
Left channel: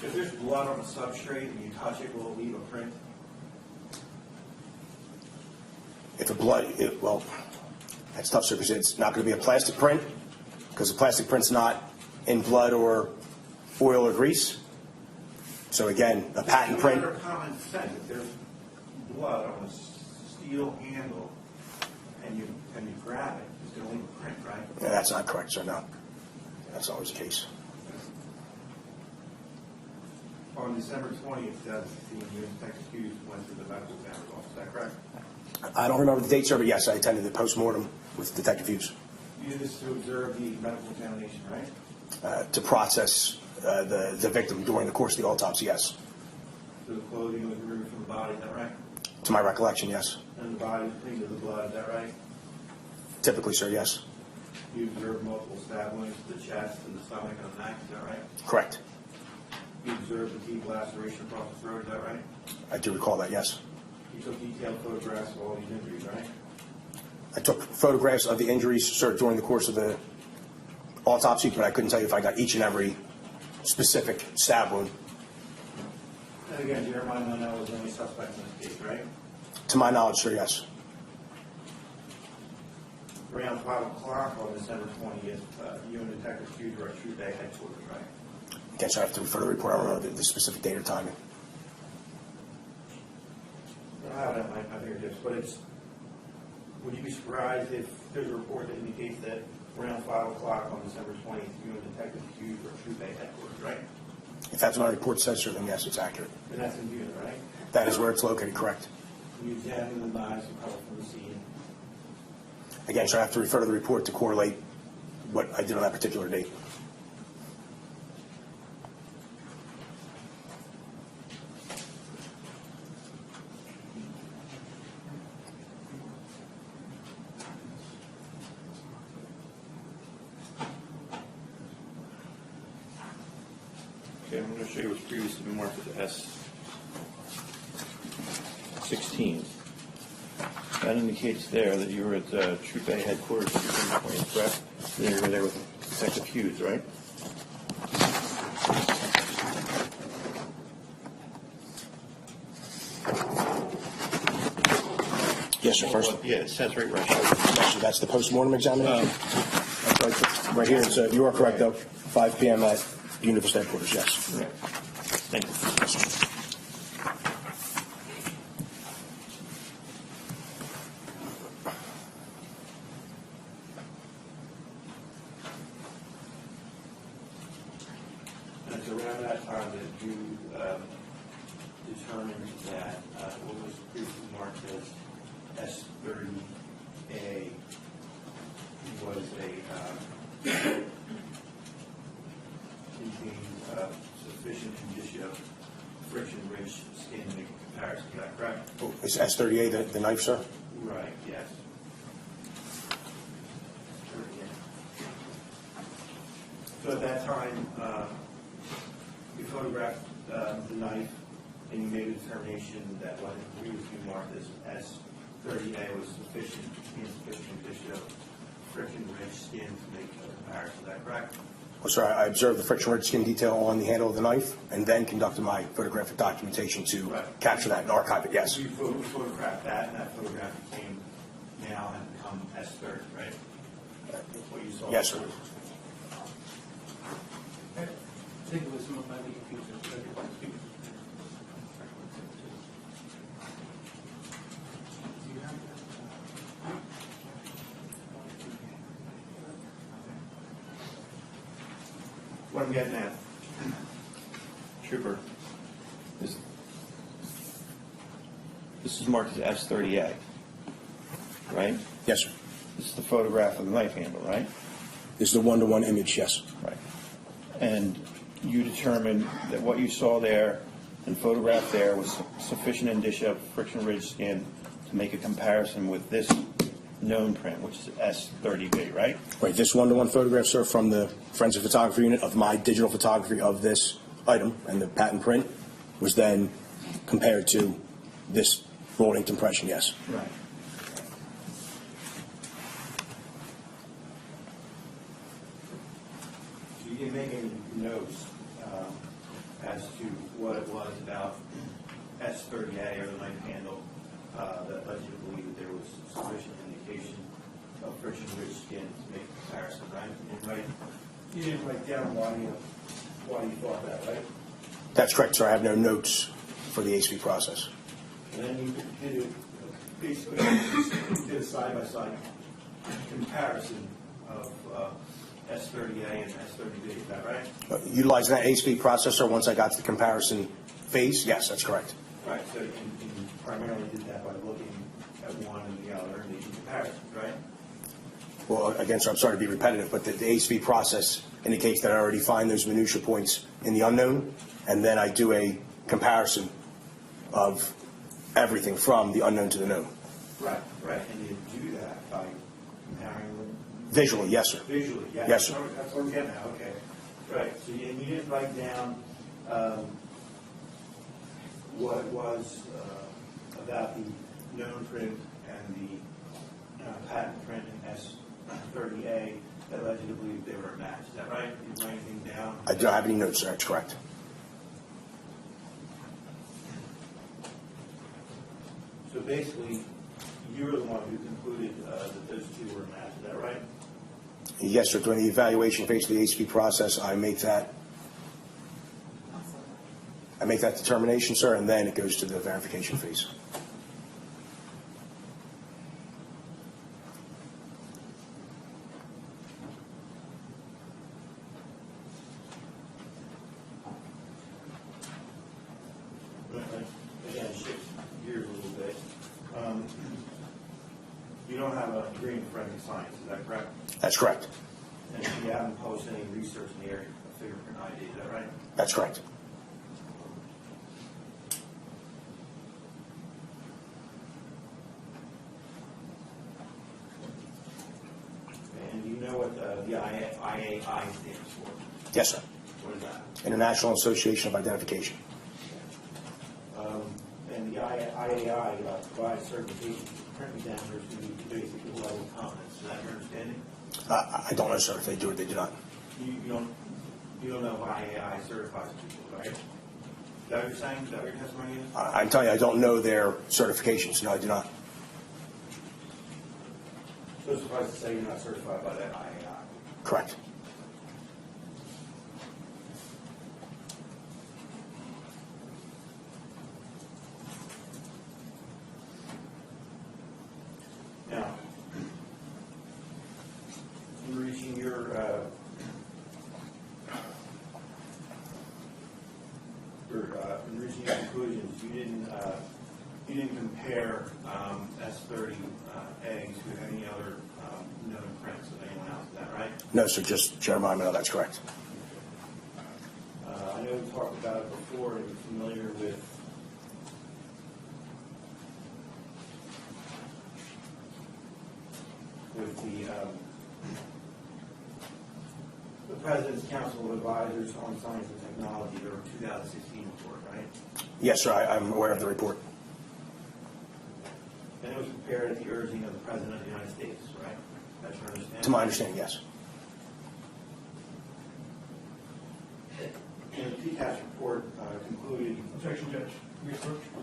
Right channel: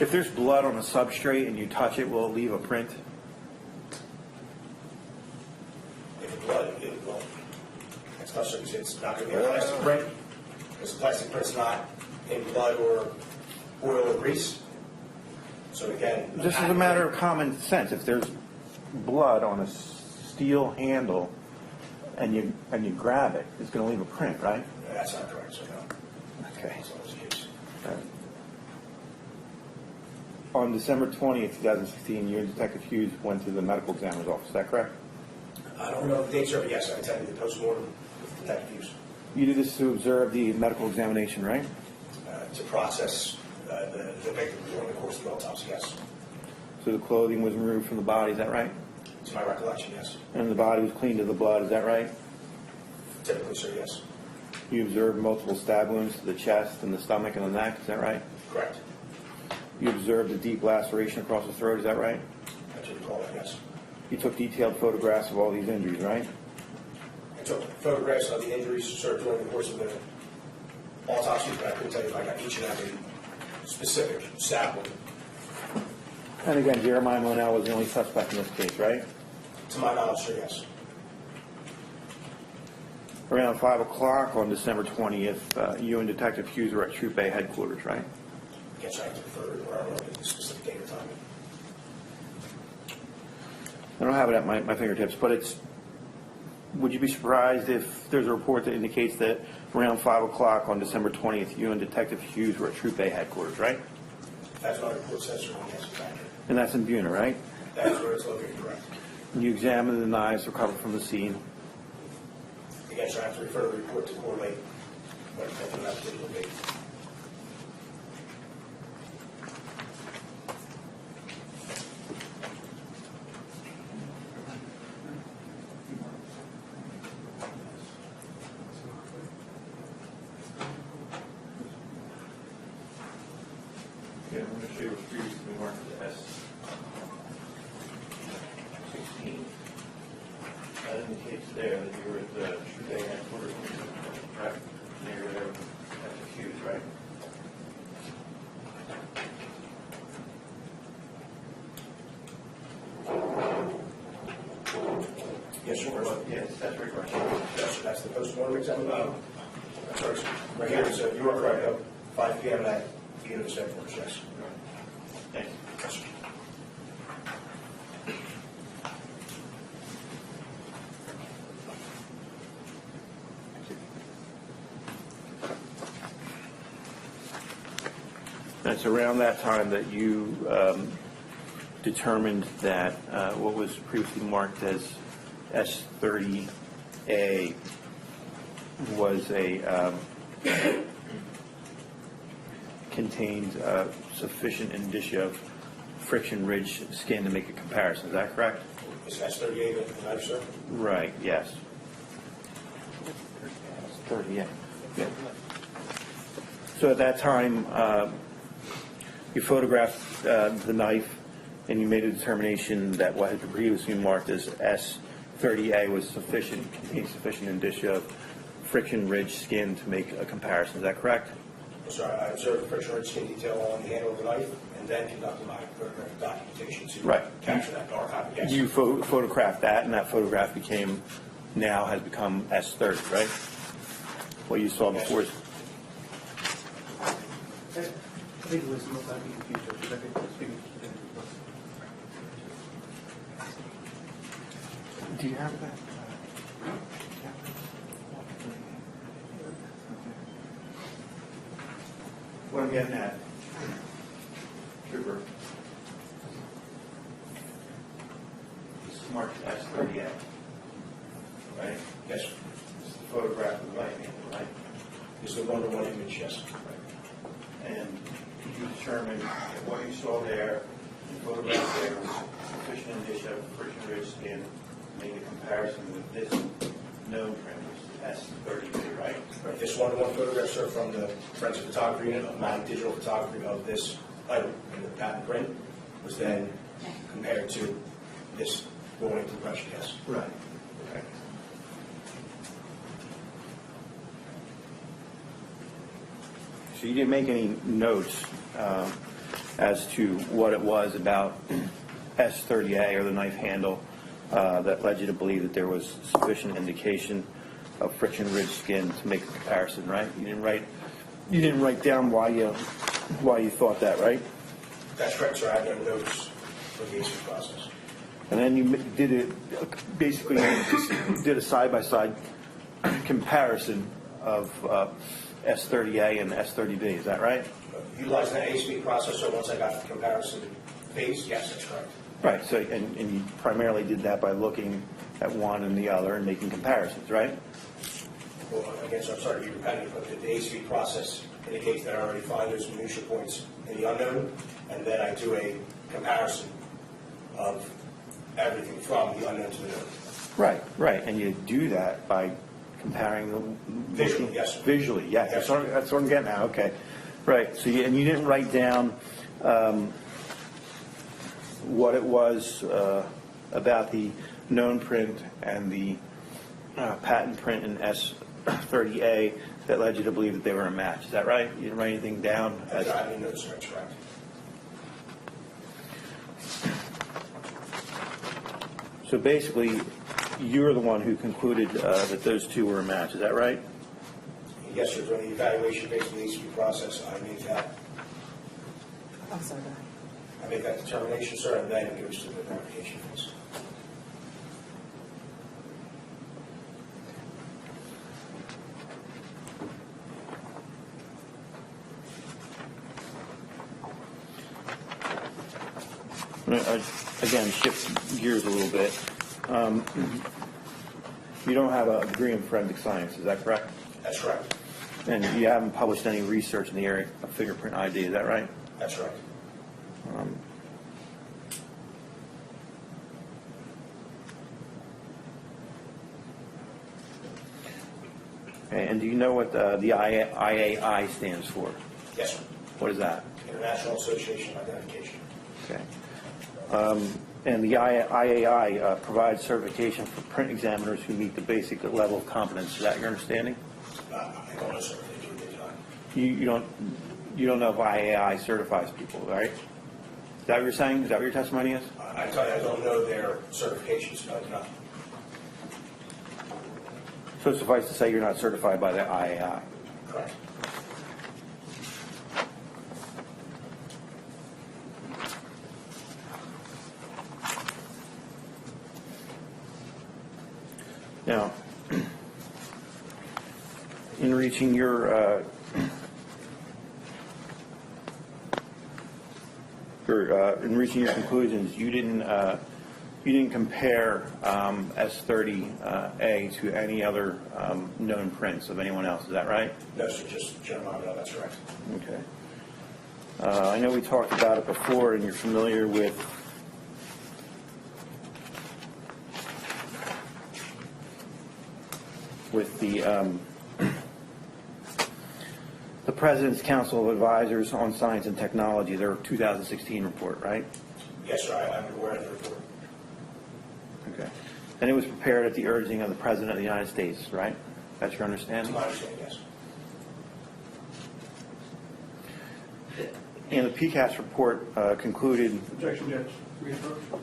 If there's blood on a substrate and you touch it, will it leave a print? If the blood, well, that's tough, sir, because it's not going to be a plastic print, because the plastic print's not in blood or oil or grease. So again, the This is a patent matter print, of common sense. If there's blood on a steel handle and you grab it, it's going to leave a print, right? yeah, that's not correct, sir, no. Okay. That's always the case. On December 20th, 2016, you and Detective Hughes went to the medical examiner's office. Is that correct? I don't remember the date, sir, but yes, I attended the postmortem with Detective Hughes You did this to observe the medical examination, right? to process the victim during the course of the autopsy, yes. So the clothing was removed from the body, is that right? To my recollection, yes. And the body was cleaned of the blood, is that right? Typically, sir, yes. You observed multiple stab wounds to the chest and the stomach and the neck, is that right? Correct. You observed a deep laceration across the throat, is that right? I do recall that, yes. You took detailed photographs of all these injuries, right? I took photographs of the injuries, sir, during the course of the autopsy, but I couldn't tell you if I got each and every specific stab wound. And again, Jeremiah Monell was the only suspect in this case, right? To my knowledge, sir, yes. Around 5 o'clock on December 20th, you and Detective Hughes were at Troop A headquarters, right? Again, so I have to refer to the report. I don't remember the specific date or time. I don't have it at my fingertips, but it's, would you be surprised if there's a report that indicates that around 5 o'clock on December 20th, you and Detective Hughes were at Troop A headquarters, right? If that's what my report says, sir, then yes, it's accurate. And that's in Buena, right? That is where it's located, correct. You examined the knives recovered from the scene. Again, sir, I have to refer to the report to correlate what I did on that particular date. Okay, I'm going to show you what's previously been marked as S16. That indicates there that you were at Troop A headquarters, correct? You were there with Detective Hughes, right? Yes, sir, first. Yeah, it says right there. Yes, sir, that's the postmortem examination? That's right, sir. Right here, so you are correct, though. 5 p.m. at Universe headquarters, yes. Right. Thank you. Yes, sir. It's around that time that you determined that what was previously marked as S30A was contained sufficient indicia of friction-ridge skin to make a comparison. Is that correct? Is S38 the knife, sir? Right. Yes. 30. Yeah. Yeah. So at that time, you photographed the knife, and you made a determination that what had been previously marked as S30A was sufficient, contained sufficient indicia of friction-ridge skin to make a comparison. Is that correct? Well, sir, I observed the friction ridge skin detail on the handle of the knife and then conducted my photographic documentation to capture that and archive it, yes. You photographed that, and that photograph has become S30, right? What you saw Yes, before. sir. I think it was might be confused, but I think it was confused. Do you have that? What I'm getting at, Trooper, this is marked as S30A, right? Yes, sir. This is the photograph of the knife handle, right? This is the one-to-one image, yes. Right. and you determined that what you saw there and photographed there was sufficient indicia of friction ridge skin to make a comparison with this known print, which is S30B, right? Right, this one-to-one photograph, sir, from the forensic photography unit of my digital photography of this item and the patent print was then compared to this roll-inked impression, yes. Right. So you didn't make any notes as to what it was about S30A or the knife handle that led you to believe that there was sufficient indication of friction ridge skin to make a comparison, right? You didn't write down why you thought that, right? That's correct, sir. I have no notes for the HV process. And then you did it, basically you did a side-by-side comparison of S30A and S30B, is that right? Utilizing that HV processor, once I got to the comparison phase, yes, that's correct. Right, so, and you primarily did that by looking at one and the other and making comparisons, right? Well, again, sir, I'm sorry to be repetitive, but the HV process indicates that I already find those minutia points in the unknown, and then I do a comparison of everything from the unknown to the known. Right, and you do that by comparing them Visually, yes, sir. Visually, yeah. Yes, sir. That's what I'm getting at, okay. Right, so and you didn't write down what it was about the known print and the patent print in S30A that led you to believe that they were a match. Is that right? You didn't write anything down? I don't have any notes, sir. That's correct. So basically, you're the one who concluded that those two were a match. Is that right? Yes, sir. During the evaluation phase of the HV process, I make that I'm sorry. determination, sir, and then it goes to the verification phase. Again, shift gears a little bit. You don't have a degree in forensic science, is that correct? That's correct. And you haven't published any research in the area of fingerprint ID, is that right? That's correct. Okay, and do you know what the IAI stands for? Yes, sir. What is that? International Association of Identification. Okay. And the IAI provides certification for print examiners who meet the basic level of competence. Is that your understanding? I don't know, sir, if they do or they do not. You don't know if IAI certifies people, right? Is that what you're saying? Is that what your testimony is? I can tell you I don't know their certifications. No, I do not. So suffice to say you're not certified by the IAI. Correct. Now, in reaching your conclusions, you didn't compare S30A to any other known prints of anyone else. Is that right? No, sir, just Jeremiah Monell. That's correct. Okay. I know we talked about it before, and you're familiar with the President's Council of Advisors on Science and Technology, their 2016 report, right? Yes, sir, I'm aware of the report. Okay. And it was prepared at the urging of the President of the United States, right? That's your To understanding? my understanding, yes. And the PCAST report concluded. Objection, Judge. Reapproach.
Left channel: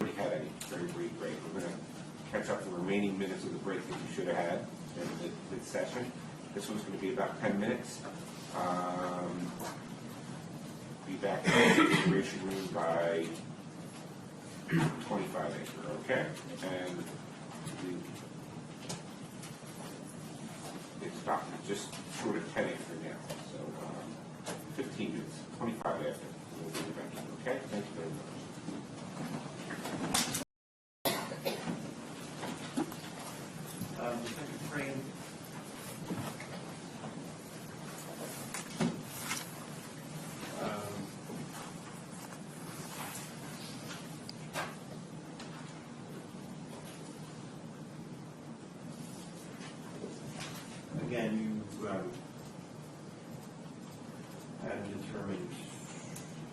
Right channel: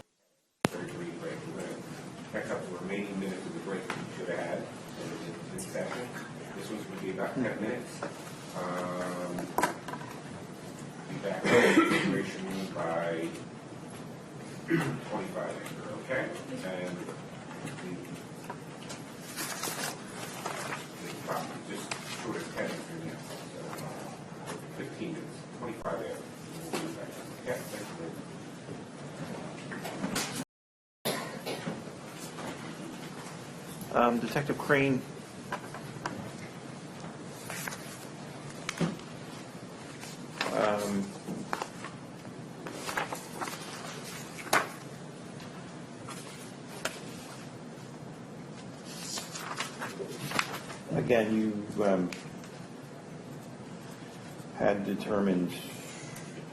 We had a very brief break. We're going to catch up the remaining minutes of the break that we should have had in this session. This one's going to be about 10 minutes. Be back in the deliberation room by 25 after, okay? And just short of 10 after now. So 15 minutes, 25 after. We'll be back. Okay? Thank you very much. Detective Crain. Again, you had determined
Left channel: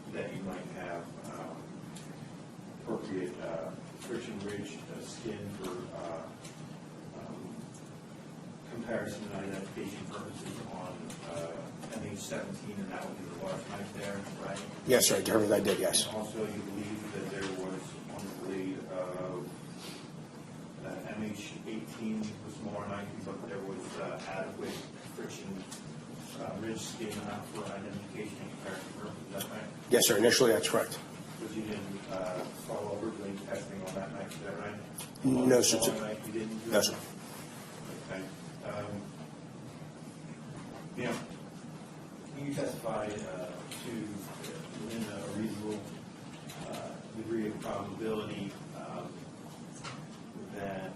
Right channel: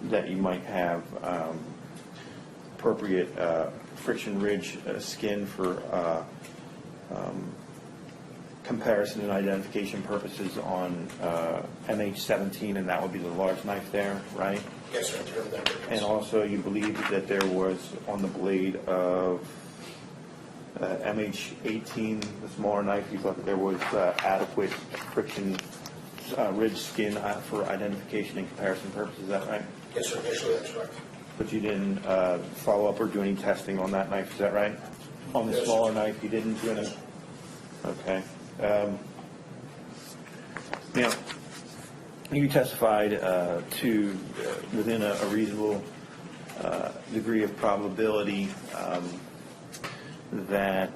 that you might have appropriate friction ridge skin for comparison and identification purposes on MH17, and that would be the large knife there, right? Yes, sir, I determined I did, yes. And also you believed that there was on the blade of MH18, the smaller knife, you thought that there was adequate friction ridge skin for identification and comparison purposes, is that right? Yes, sir, initially that's correct. But you didn't follow up or do any testing on that knife, is that right? On No, the sir. smaller knife, you didn't do No, any? sir. Okay. Now, you testified to within a reasonable degree of probability that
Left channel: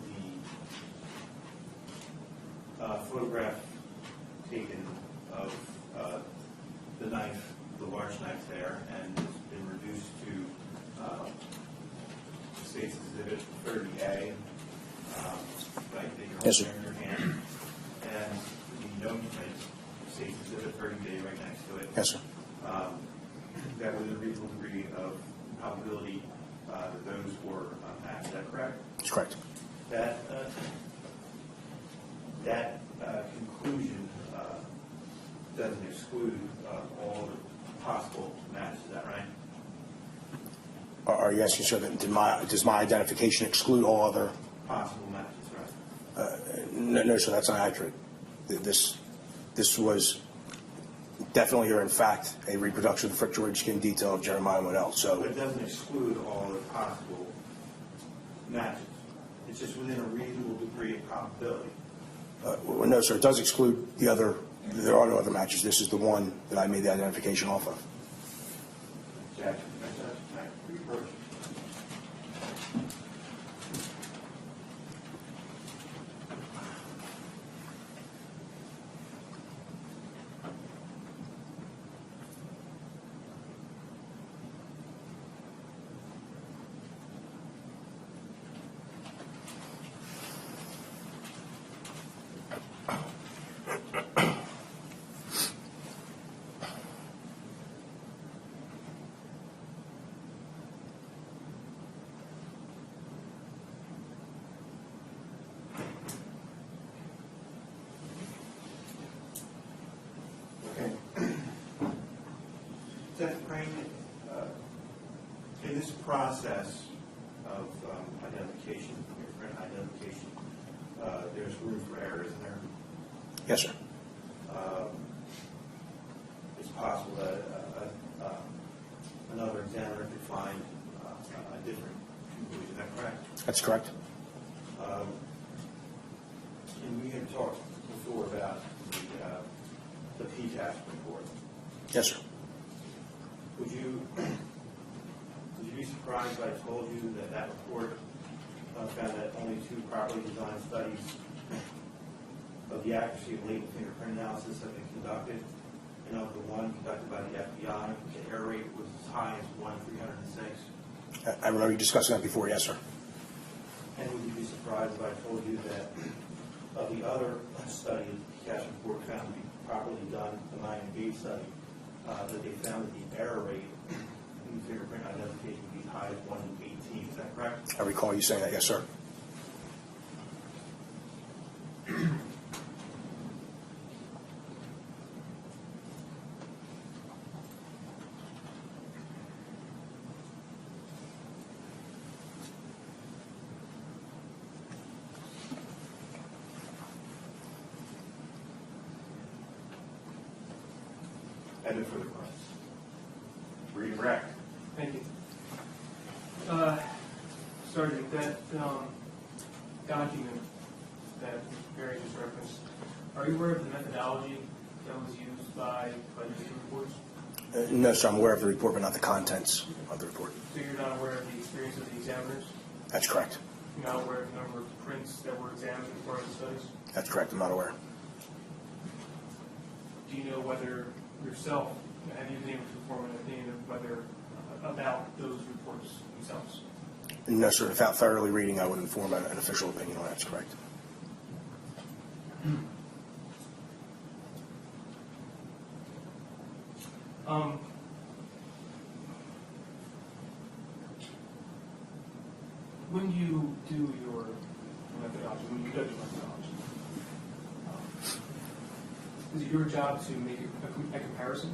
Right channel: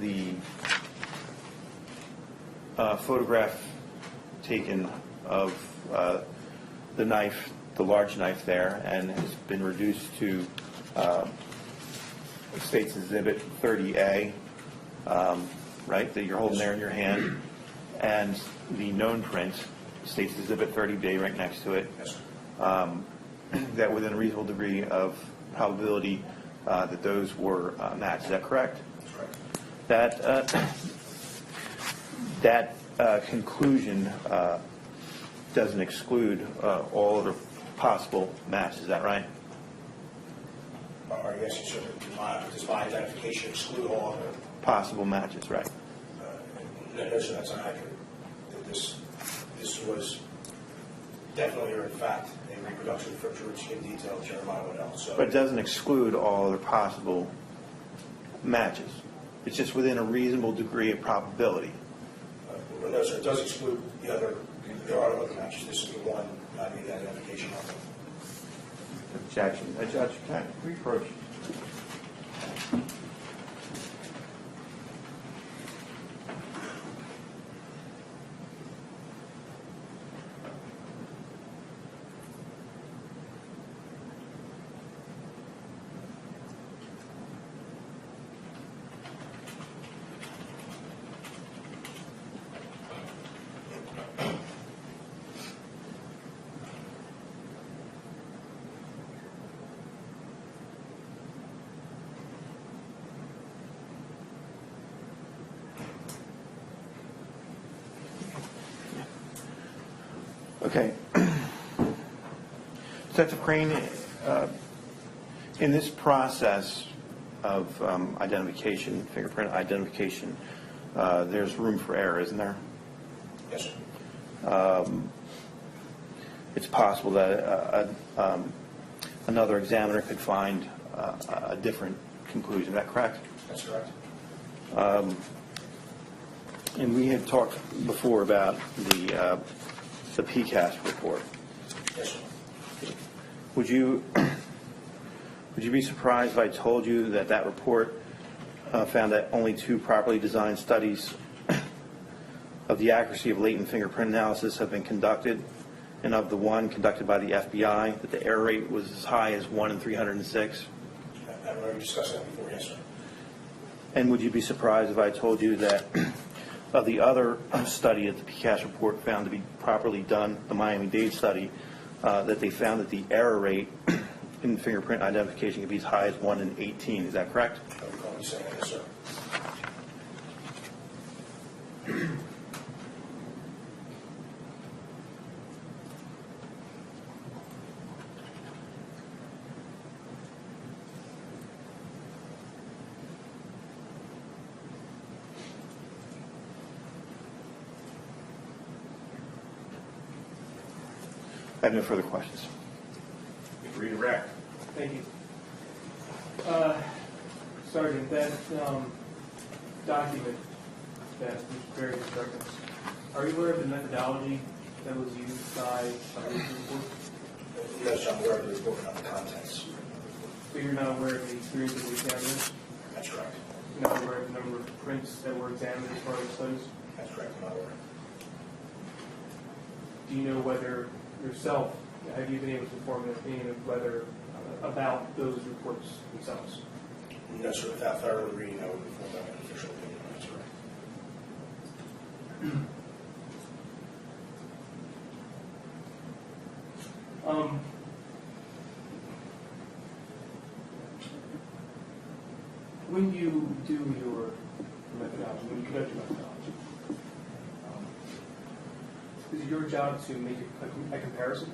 the photograph taken of the knife, the large knife there, and has been reduced to State's Exhibit 30A, right, that you're holding Yes, sir. there in your hand, and the known print, State's Exhibit 30B right next to it, Yes, sir. that within a reasonable degree of probability that those were matched. Is that correct? That's correct. That conclusion doesn't exclude all other possible matches. Is that right? Are you asking, sir, that does my identification exclude all other? Possible matches, right? No, sir, that's not accurate. This was definitely, or in fact, a reproduction of the friction ridge skin detail of Jeremiah Monell. So, But it doesn't exclude all other possible matches. It's just within a reasonable degree of probability. no, sir, it does exclude the other. There are no other matches. This is the one that I made the identification off of. Objection. Judge, can we approach? Okay. Detective Crain, in this process of identification, fingerprint identification, there's room for error, isn't there? Yes, sir. It's possible that another examiner could find a different conclusion. Is that correct? That's correct. And we had talked before about the PCAST report. Yes, sir. Would you be surprised if I told you that that report found that only 2 properly designed studies of the accuracy of latent fingerprint analysis have been conducted, and of the one conducted by the FBI, that the error rate was as high as 1 in 306? I remember you discussing that before. Yes, sir. And would you be surprised if I told you that of the other study that the PCAST report found to be properly done, the Miami-Dade study, that they found that the error rate in fingerprint identification could be as high as 1 in 18? Is that correct? I recall you saying that. Yes, sir. I have no further questions. Redirect. Thank you. Sergeant, that document that was prepared as reference, are you aware of the methodology that was used by this report? No, sir. I'm aware of the report, but not the contents of the report. So you're not aware of the experience of the examiner? That's correct. know where the number of prints that were examined as part of the studies? That's correct, I'm not aware. Do you know whether yourself, have you been able to form an opinion of whether, about those reports themselves? No, sir, without thoroughly reading, I wouldn't form an official opinion on that, that's correct. When you do your methodology, when you judge methodology, is it your job to make a comparison?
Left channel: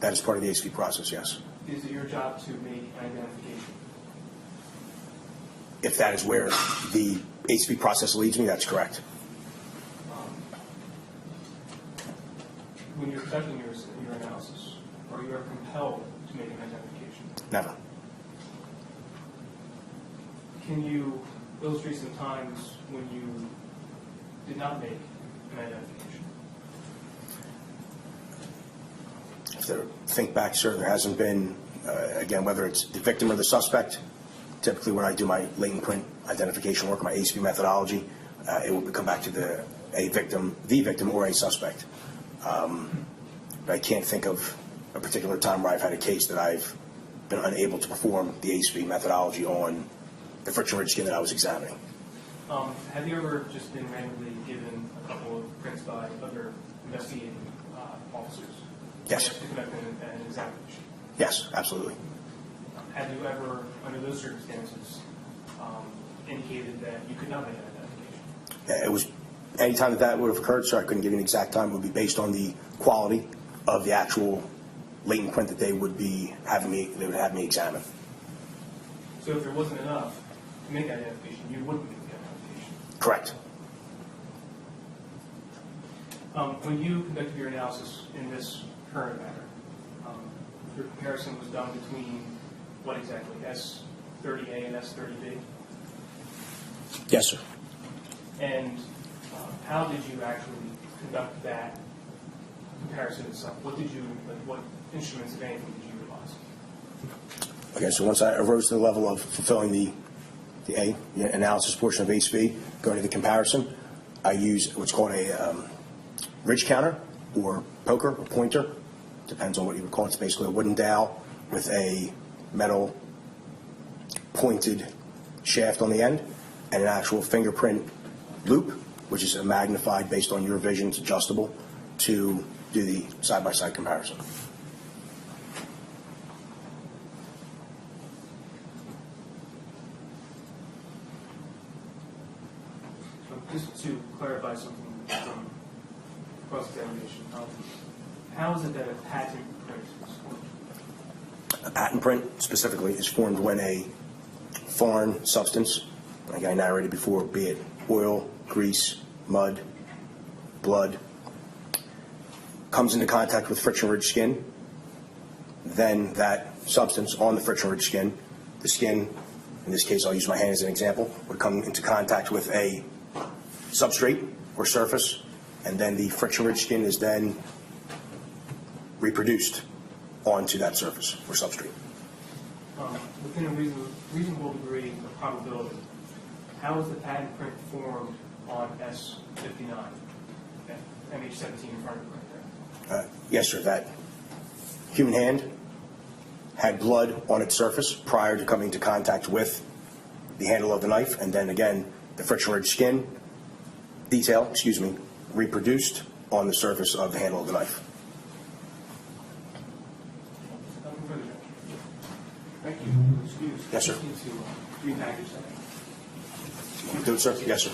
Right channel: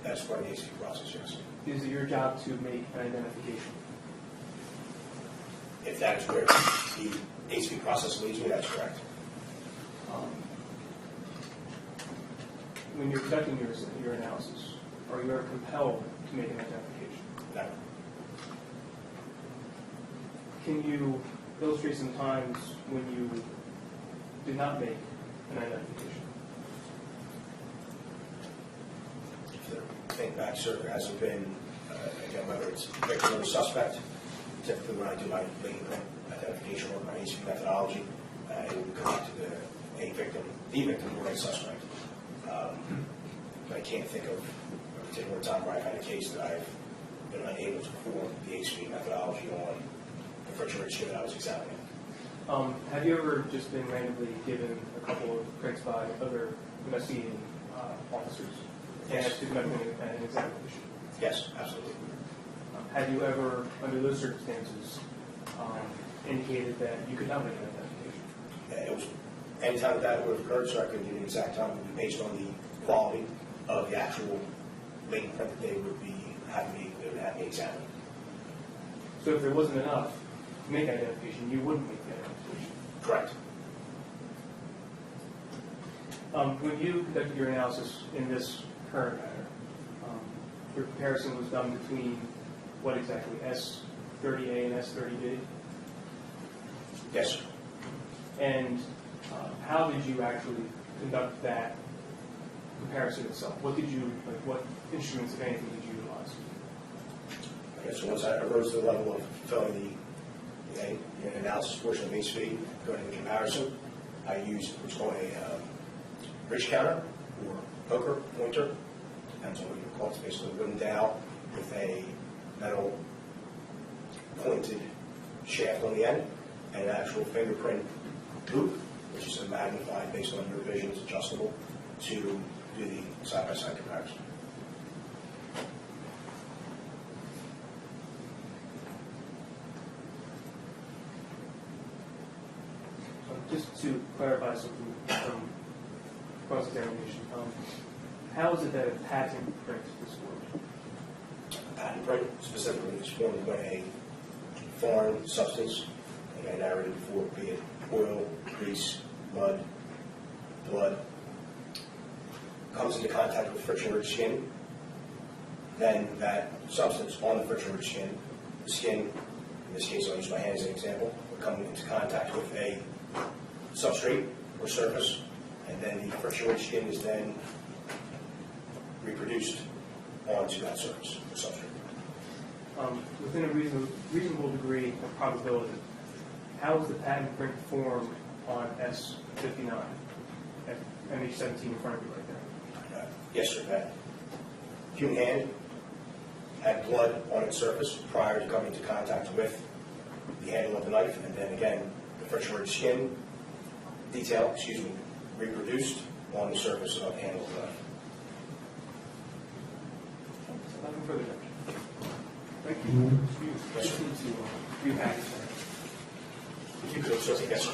That is part of the ASP process, yes. Is it your job to make an identification? If that is where the ASP process leads me, that's correct. When you're conducting your analysis, or you're compelled to make an identification, Never. can you illustrate some times when you did not make an identification? To think back, sir, there hasn't been, again, whether it's the victim or the suspect, typically when I do my latent print identification work, my ASP methodology, it will come back to the victim or a suspect. I can't think of a particular time where I've had a case that I've been unable to perform the ASP methodology on the friction-rich skin that I was examining. Have you ever just been randomly given a couple of prints by other investigating officers? Yes. To conduct an examination? Yes, absolutely. Have you ever, under those circumstances, indicated that you could not make an identification? It was any time that would have occurred, sir, I couldn't give you an exact time. It would be based on the quality of the actual latent print that they would have me examine. So if there wasn't enough to make that identification, you wouldn't make the identification? Correct. When you conducted your analysis in this current matter, your comparison was done between what exactly, S30A and S30B? Yes, sir. And how did you actually conduct that comparison itself? What instruments, if anything, did you utilize? Okay, so once I arose to the level of fulfilling the analysis portion of ASP, going to the comparison, I use what's called a ridge counter or poker or pointer, depends on what you would call it. It's basically a wooden dowel with a metal pointed shaft on the end and an actual fingerprint loop, which is magnified based on your vision. It's adjustable to do the side-by-side comparison. Just to clarify something from cross-examination, how is it that a patent print is formed? A patent print, specifically, is formed when a foreign substance, like I narrated before, be it oil, grease, mud, blood, comes into contact with friction-rich skin. Then that substance on the friction-rich skin, the skin, in this case I'll use my hand as an example, would come into contact with a substrate or surface, and then the friction-rich skin is then reproduced onto that surface or substrate. Within a reasonable degree of probability, how is the patent print formed on S59 at MH17 in front of you right there? Yes, sir. That human hand had blood on its surface prior to coming into contact with the handle of the knife, and then again, the friction-rich skin detail, reproduced on the surface of the handle of the knife. Nothing further, Judge. Thank you. Excuse. Yes, sir. Just need to repackage that. Do it, sir? Yes, sir.